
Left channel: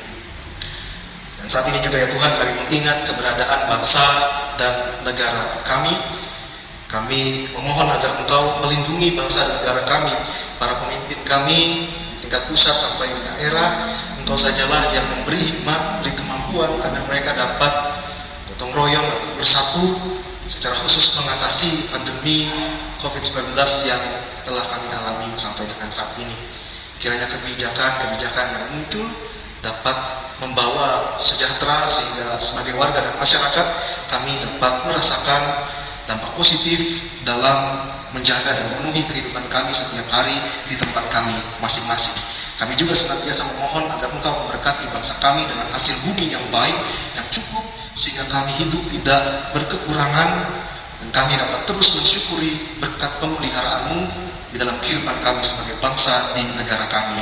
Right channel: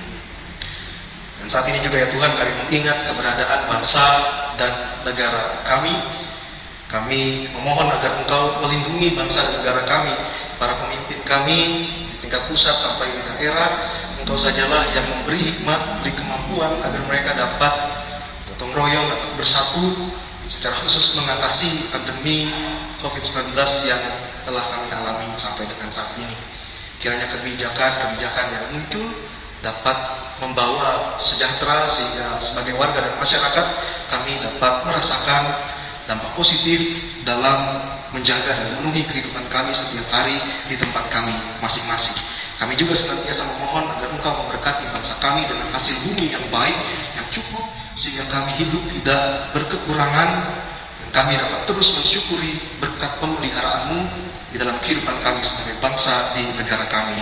Dan saat ini juga ya Tuhan, kami mengingat keberadaan bangsa dan negara kami. Kami memohon agar Engkau melindungi bangsa dan negara kami, para pemimpin kami di tingkat pusat sampai di daerah. Engkau sajalah yang memberi hikmat, beri kemampuan agar mereka dapat gotong royong, bersatu secara khusus mengatasi pandemi COVID-19 yang telah kami alami sampai dengan saat ini. Kiranya kebijakan-kebijakan yang muncul dapat membawa sejahtera sehingga sebagai warga dan masyarakat kami dapat merasakan dampak positif dalam menjaga dan memenuhi kehidupan kami setiap hari di tempat kami masing-masing. Kami juga senantiasa memohon agar Engkau memberkati bangsa kami dengan hasil bumi yang baik, yang cukup, sehingga kami hidup tidak berkekurangan dan kami dapat terus mensyukuri berkat pemeliharaanmu di dalam kehidupan kami sebagai bangsa di negara kami,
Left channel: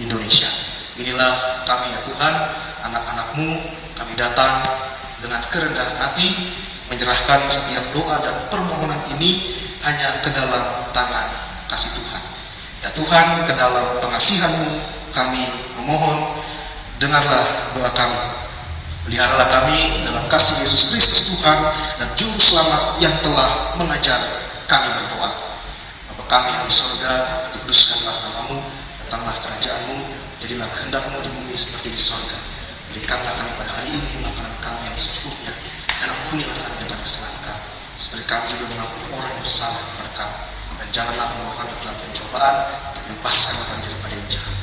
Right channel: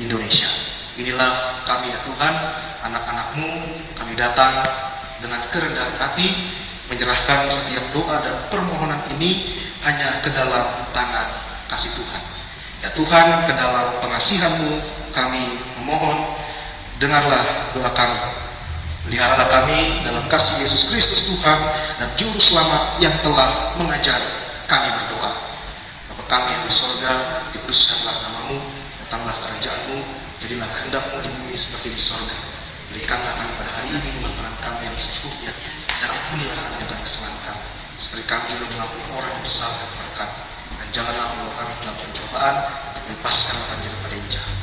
Indonesia. Inilah kami ya Tuhan, anak-anak-Mu, kami datang dengan kerendahan hati, menyerahkan setiap doa dan permohonan ini hanya ke dalam tangan kasih Tuhan. Ya Tuhan, ke dalam pengasihan-Mu kami memohon, dengarlah doa kami. Peliharalah kami dalam kasih Yesus Kristus Tuhan dan Juru Selamat yang telah mengajar kami berdoa. Bapa kami yang di sorga, dikuduskanlah nama-Mu, datanglah kerajaan-Mu, jadilah kehendak-Mu di bumi seperti di sorga. Berikanlah kami pada hari ini makanan kami yang secukupnya, dan ampunilah kami atas kesalahan kami, seperti kami juga mengampuni orang yang bersalah kepada kami. Dan janganlah membawa kami ke dalam pencobaan, tapi lepaskanlah kami daripada yang jahat.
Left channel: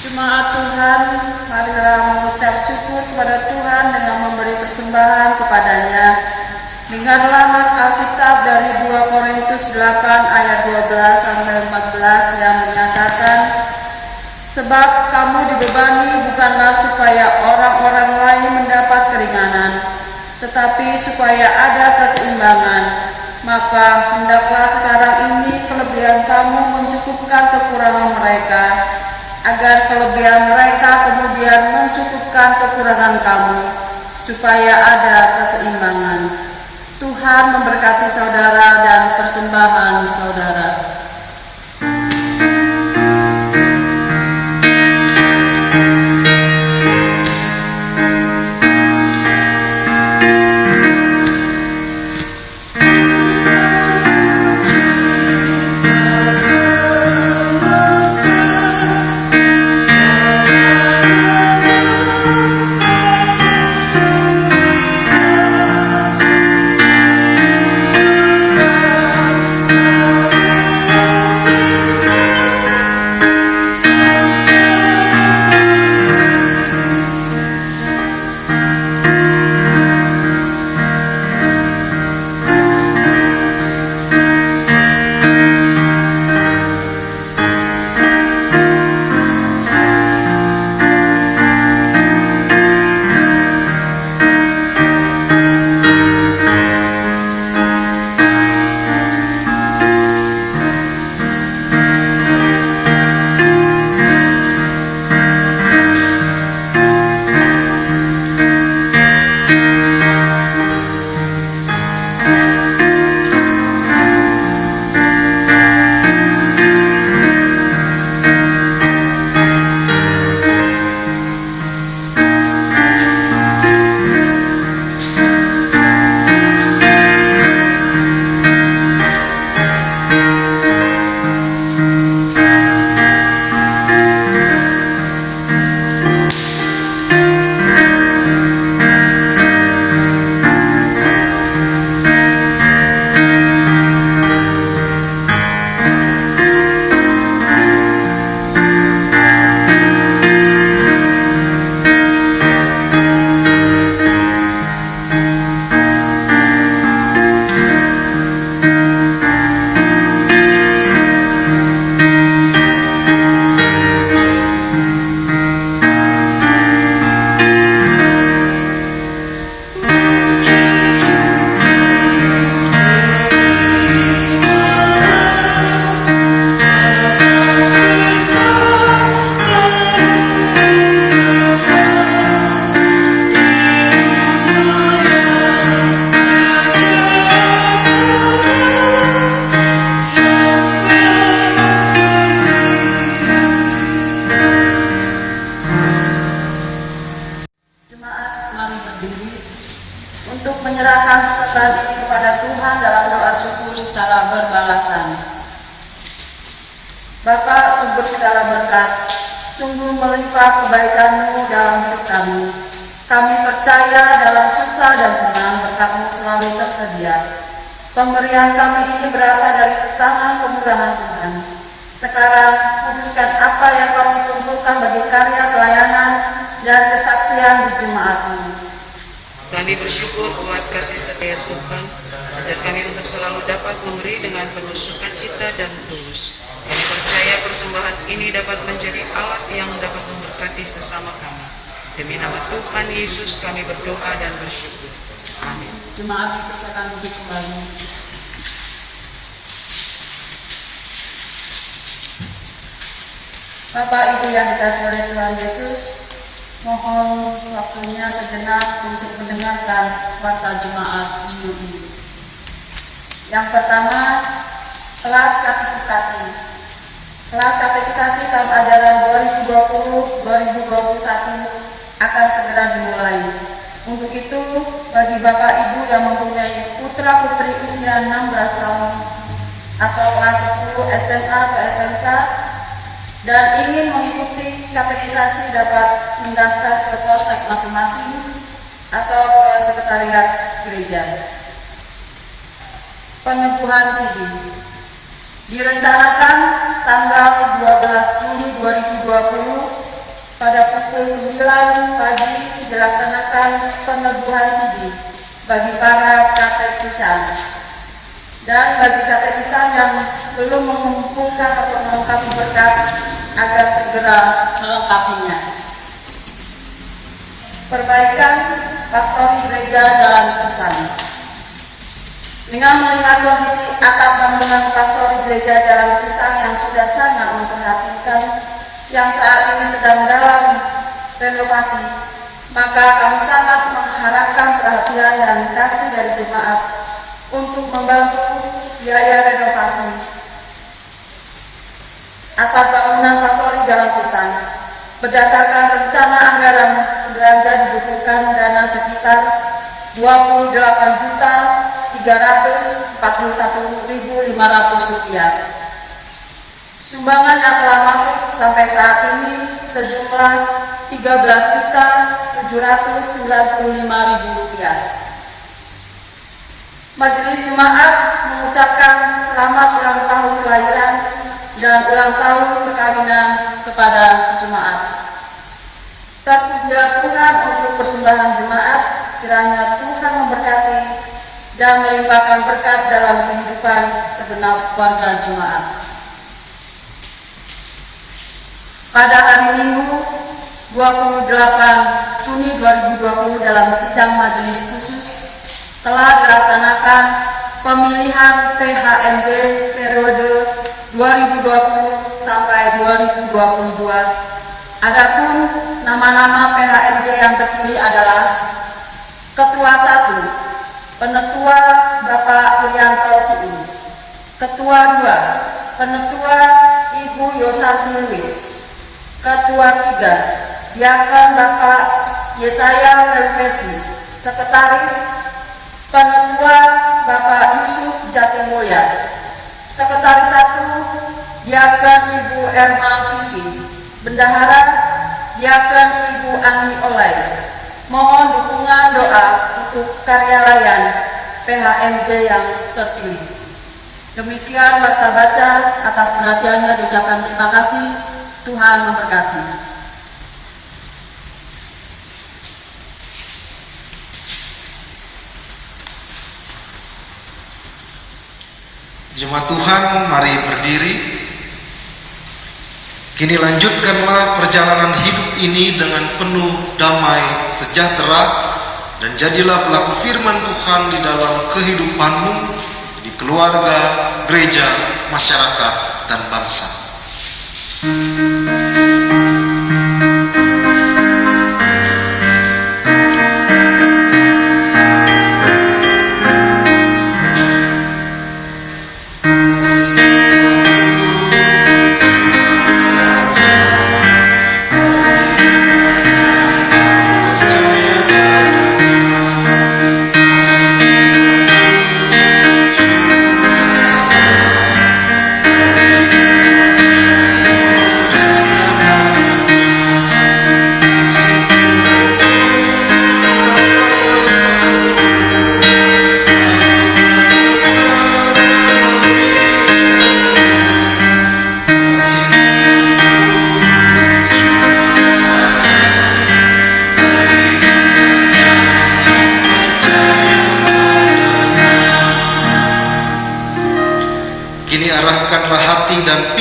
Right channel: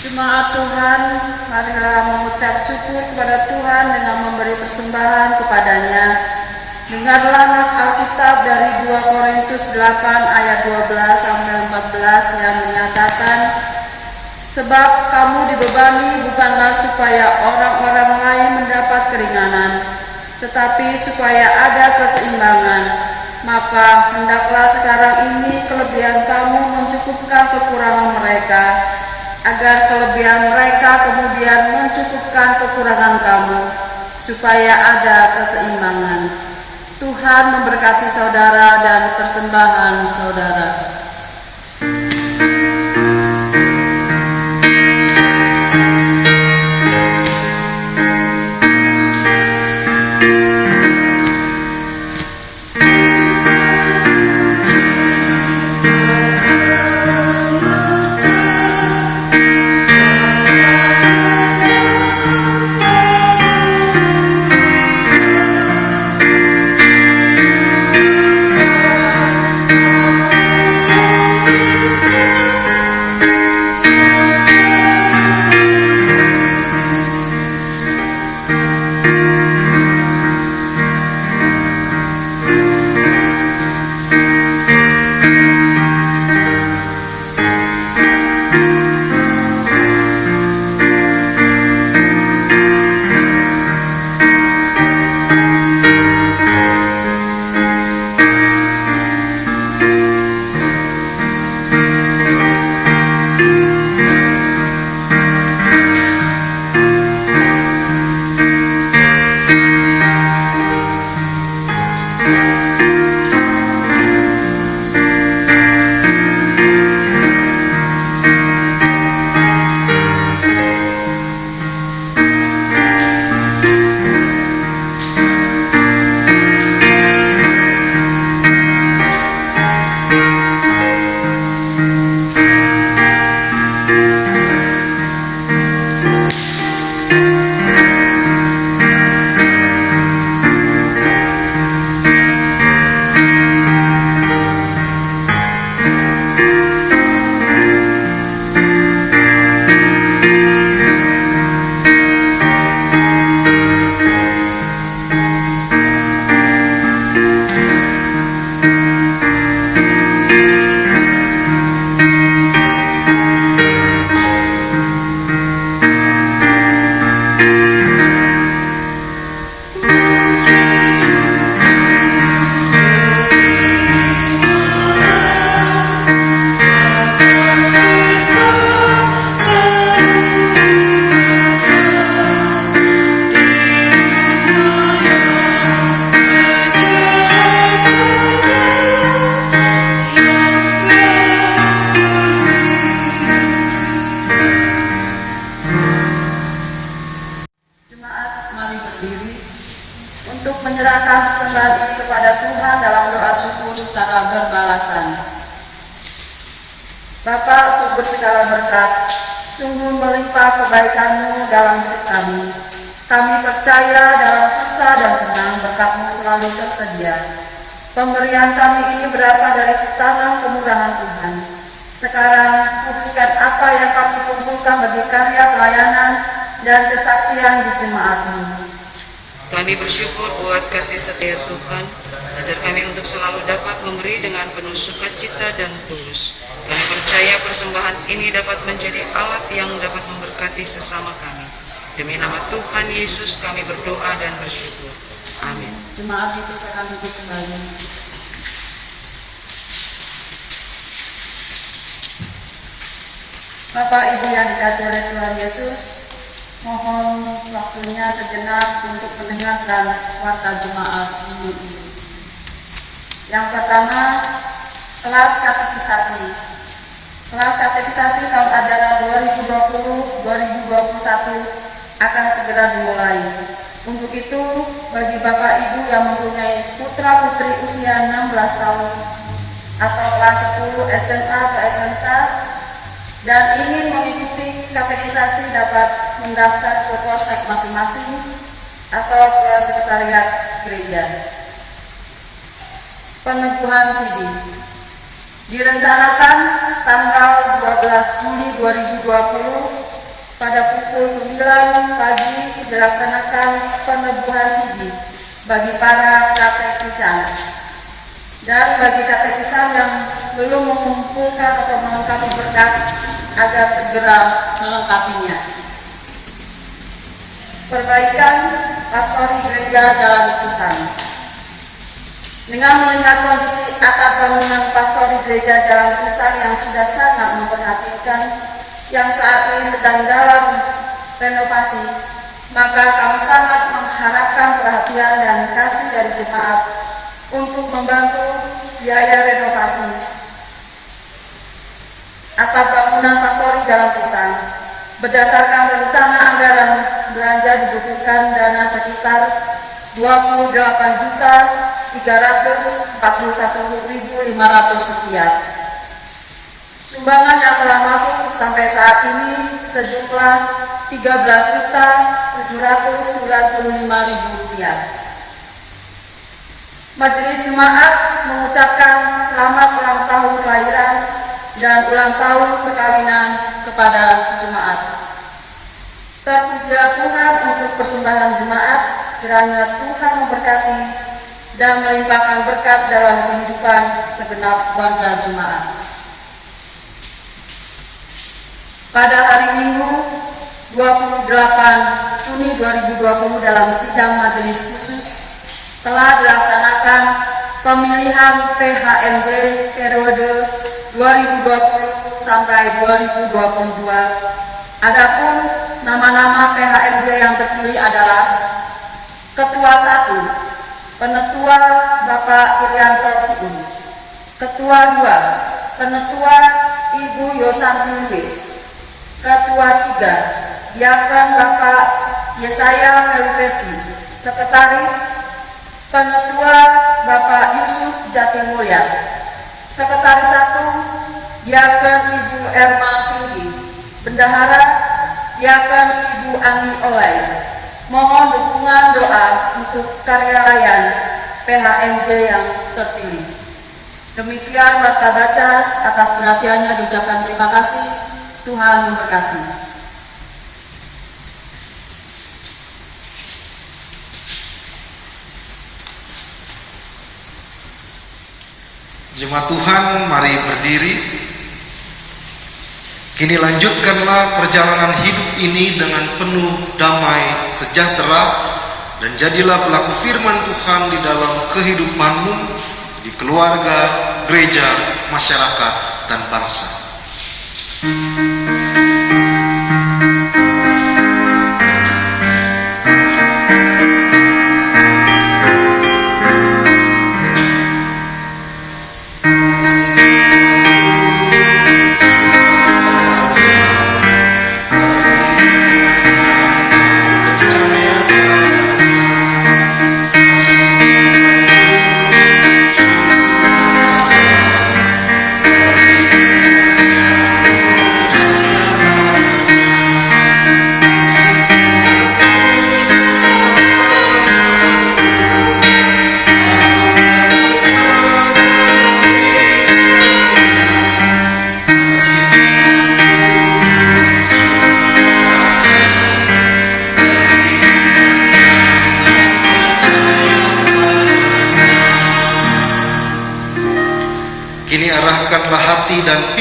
Jemaat Tuhan, marilah mengucap syukur kepada Tuhan dengan memberi persembahan kepadanya. Dengarlah nas Alkitab dari 2 Korintus 8 ayat 12 sampai 14 yang menyatakan, sebab kamu dibebani bukanlah supaya orang-orang lain mendapat keringanan, tetapi supaya ada keseimbangan. Maka hendaklah sekarang ini kelebihan kamu mencukupkan kekurangan mereka, agar kelebihan mereka kemudian mencukupkan kekurangan kamu, supaya ada keseimbangan. Tuhan memberkati saudara dan persembahan saudara. Tuhan ini kepada Tuhan dalam doa syukur secara berbalasan. Bapa sumber segala berkat, sungguh melimpah kebaikan-Mu dalam hidup kami. Kami percaya dalam susah dan senang berkat-Mu selalu tersedia. Pemberian kami ini berasal dari tangan kemurahan Tuhan. Sekarang, kuduskan apa yang kami kumpulkan bagi karya pelayanan dan kesaksian di jemaat-Mu. Kami bersyukur buat kasih setia Tuhan, ajar kami untuk selalu dapat memberi dengan penuh sukacita dan tulus. Kami percaya persembahan ini dapat menjadi alat yang dapat memberkati sesama kami. Demi nama Tuhan Yesus kami berdoa dan bersyukur. Amin. Jemaat dipersilakan duduk kembali. Bapak Ibu yang dikasihi oleh Tuhan Yesus, mohon waktunya sejenak untuk mendengarkan warta jemaat minggu ini. Yang pertama, kelas katekisasi. Kelas katekisasi tahun ajaran 2020-2021 akan segera dimulai. Untuk itu, bagi Bapak Ibu yang mempunyai putra-putri usia 16 tahun atau kelas 10 SMA atau SMK dan ingin mengikuti katekisasi dapat mendaftar ke polsek masing-masing atau ke sekretariat gereja. Peneguhan CD direncanakan tanggal 12 Juli 2020 pada pukul 9 pagi dilaksanakan peneguhan CD bagi para katetisan. Dan bagi katetisan yang belum mengumpulkan atau melengkapi berkas agar segera melengkapinya. Perbaikan pastori gereja Jalan Pisang. Dengan melihat kondisi atap bangunan pastori gereja Jalan Pisang yang sudah sangat memprihatinkan, yang saat ini sedang dalam renovasi, maka kami sangat mengharapkan perhatian dan kasih dari jemaat untuk membantu biaya renovasi atap bangunan pastori Jalan Pisang. Berdasarkan rencana anggaran belanja dibutuhkan dana sekitar 28.341.500 rupiah. Sumbangan yang telah masuk sampai saat ini sejumlah 13.795.000 rupiah. Majelis Jemaat mengucapkan selamat ulang tahun kelahiran dan ulang tahun perkawinan kepada jemaat. Terpujilah Tuhan untuk persembahan jemaat, kiranya Tuhan memberkati dan melimpahkan berkat dalam kehidupan segenap warga jemaat. Pada hari Minggu 28 Juni 2020 dalam sidang majelis khusus telah dilaksanakan pemilihan PHMJ periode 2020 sampai 2022. Adapun nama-nama PHMJ yang terpilih adalah Ketua 1, Penetua Bapak Irianto Siu. Ketua 2, Penetua Ibu Yosanti Luis. Ketua 3, Diakon Bapak Yesaya Melupesi. Sekretaris, Penetua Bapak Yusuf Jatimulya. Sekretaris 1, Diakon Ibu Erma Findi. Bendahara, Diakon Ibu Ani Olay. Mohon dukungan doa untuk karya layan PHMJ yang terpilih. Demikian warta baca, atas perhatiannya diucapkan terima kasih. Tuhan memberkati. Jemaat Tuhan, mari berdiri. Kini lanjutkanlah perjalanan hidup ini dengan penuh damai sejahtera dan jadilah pelaku firman Tuhan di dalam kehidupanmu, di keluarga, gereja, masyarakat, dan bangsa.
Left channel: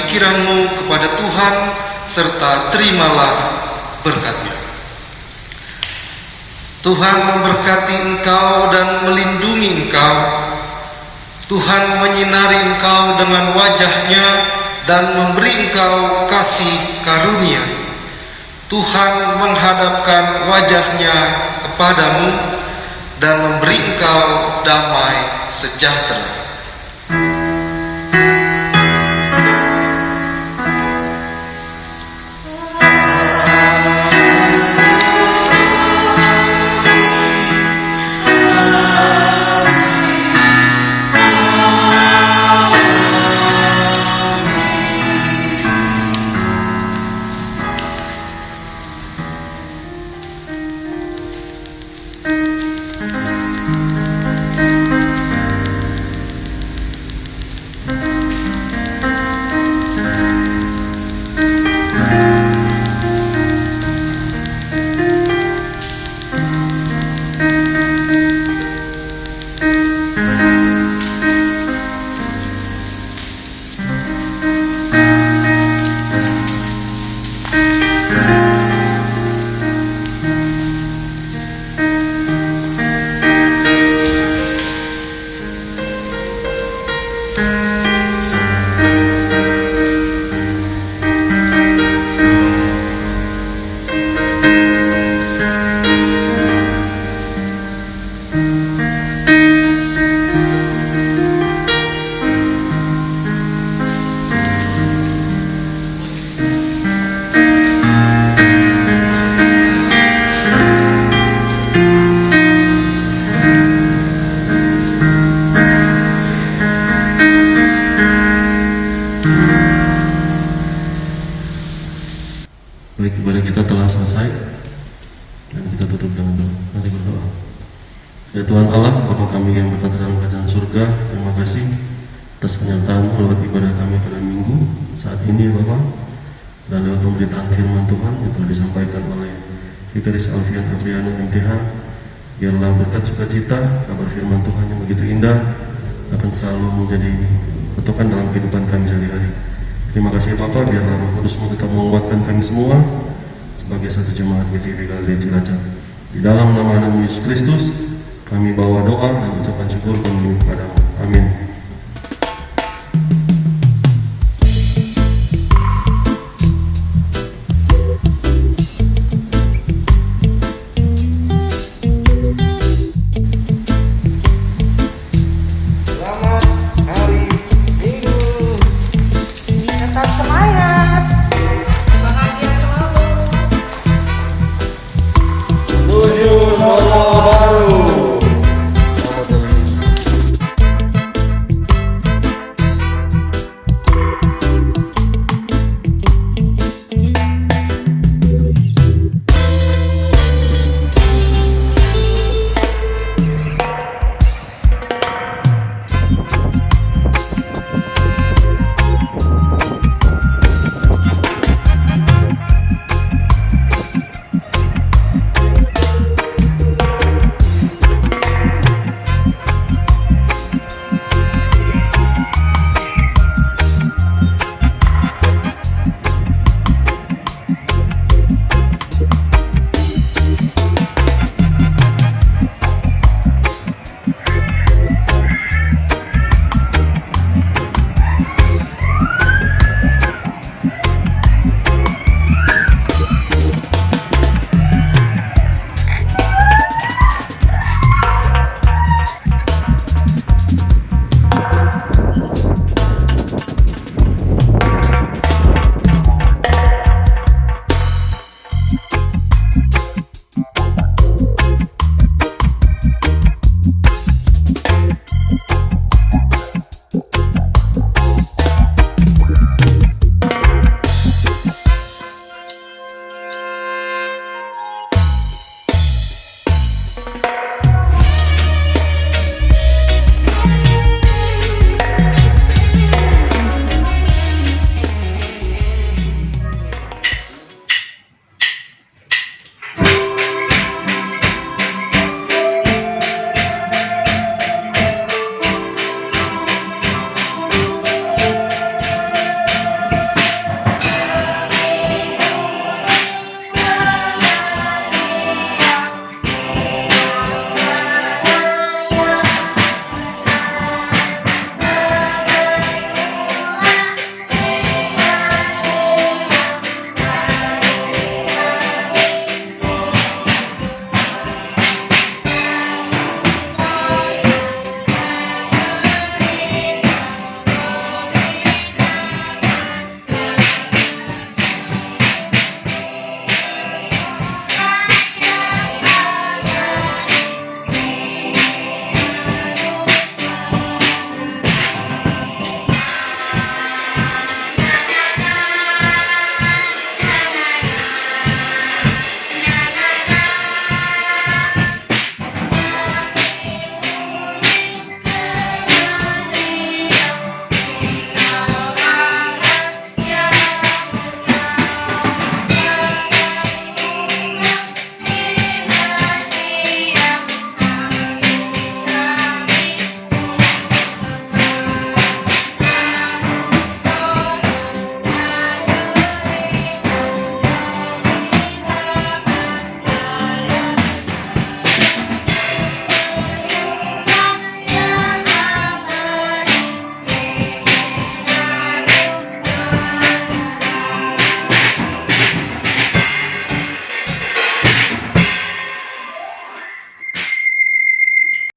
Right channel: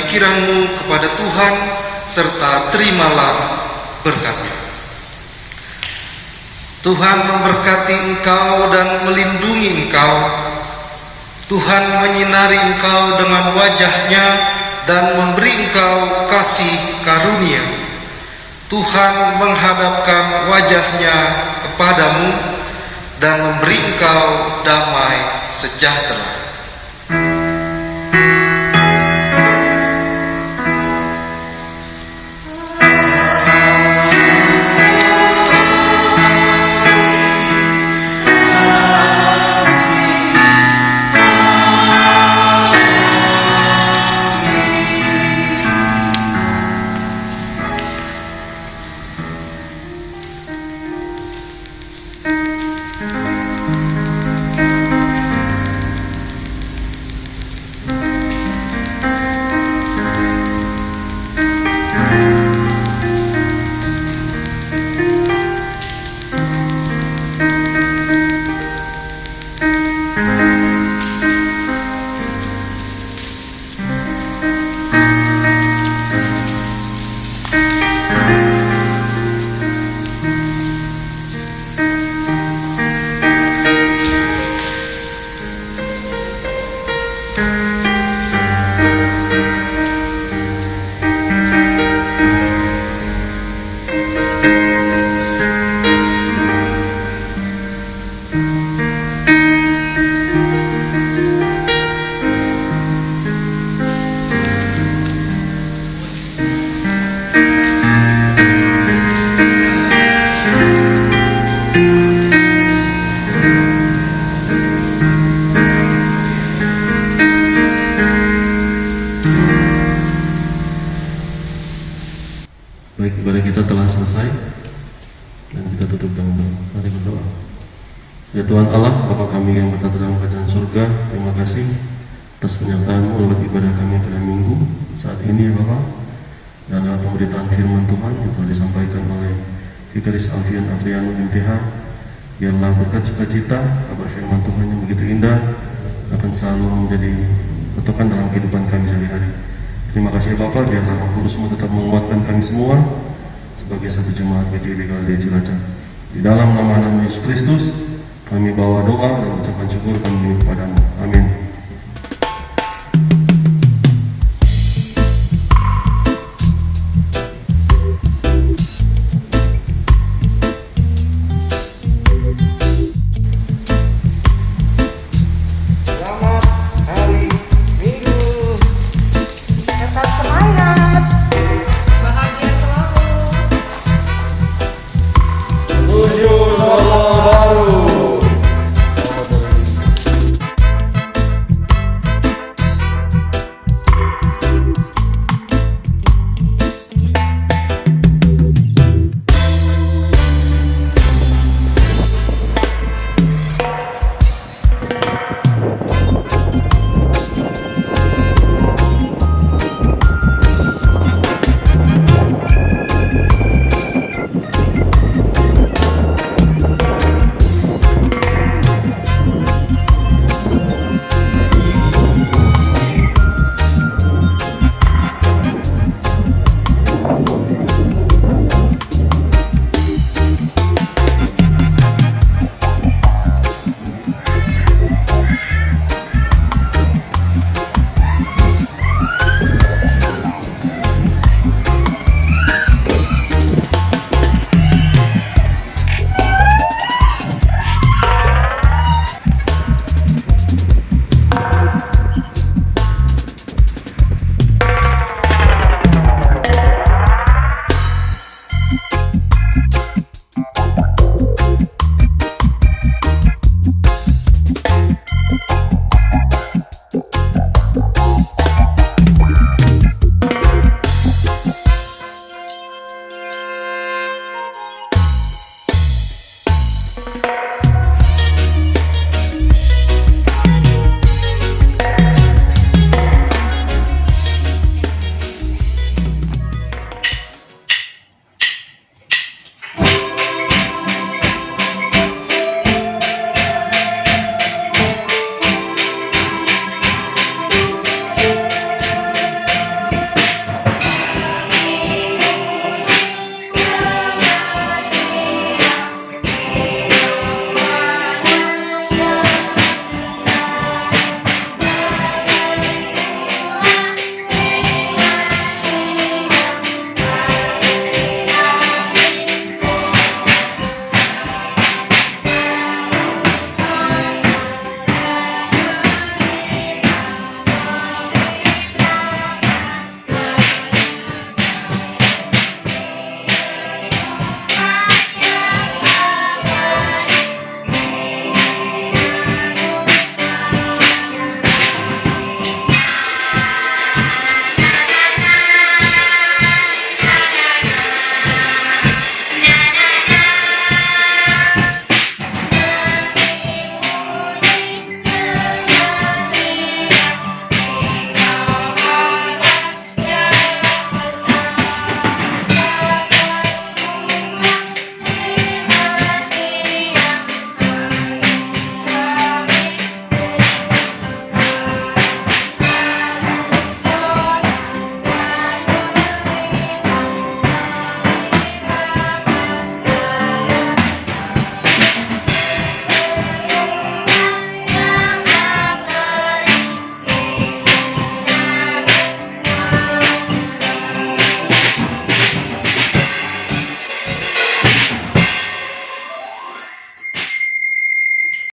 pikiranmu kepada Tuhan, serta terimalah berkat-Nya. Tuhan memberkati engkau dan melindungi engkau. Tuhan menyinari engkau dengan wajah-Nya dan memberi engkau kasih karunia. Tuhan menghadapkan wajah-Nya kepadamu dan memberi engkau damai sejahtera. Baik, ibadah kita telah selesai dan kita tutup dengan doa. Mari berdoa. Ya Tuhan Allah, Bapa kami yang bertata dalam kerajaan surga, terima kasih atas penyertaan-Mu lewat ibadah kami pada minggu saat ini ya Bapa. Dan lewat pemberitaan firman Tuhan yang telah disampaikan oleh Vikaris Alfian Adriano MTH, biarlah berkat sukacita kabar firman Tuhan yang begitu indah akan selalu menjadi patokan dalam kehidupan kami sehari-hari. Terima kasih Bapak, biarlah Roh Kudus-Mu tetap menguatkan kami semua sebagai satu jemaat BTW Galilea Cilacap. Di dalam nama Yesus Kristus, kami bawa doa dan ucapan syukur kami kepada-Mu. Amin.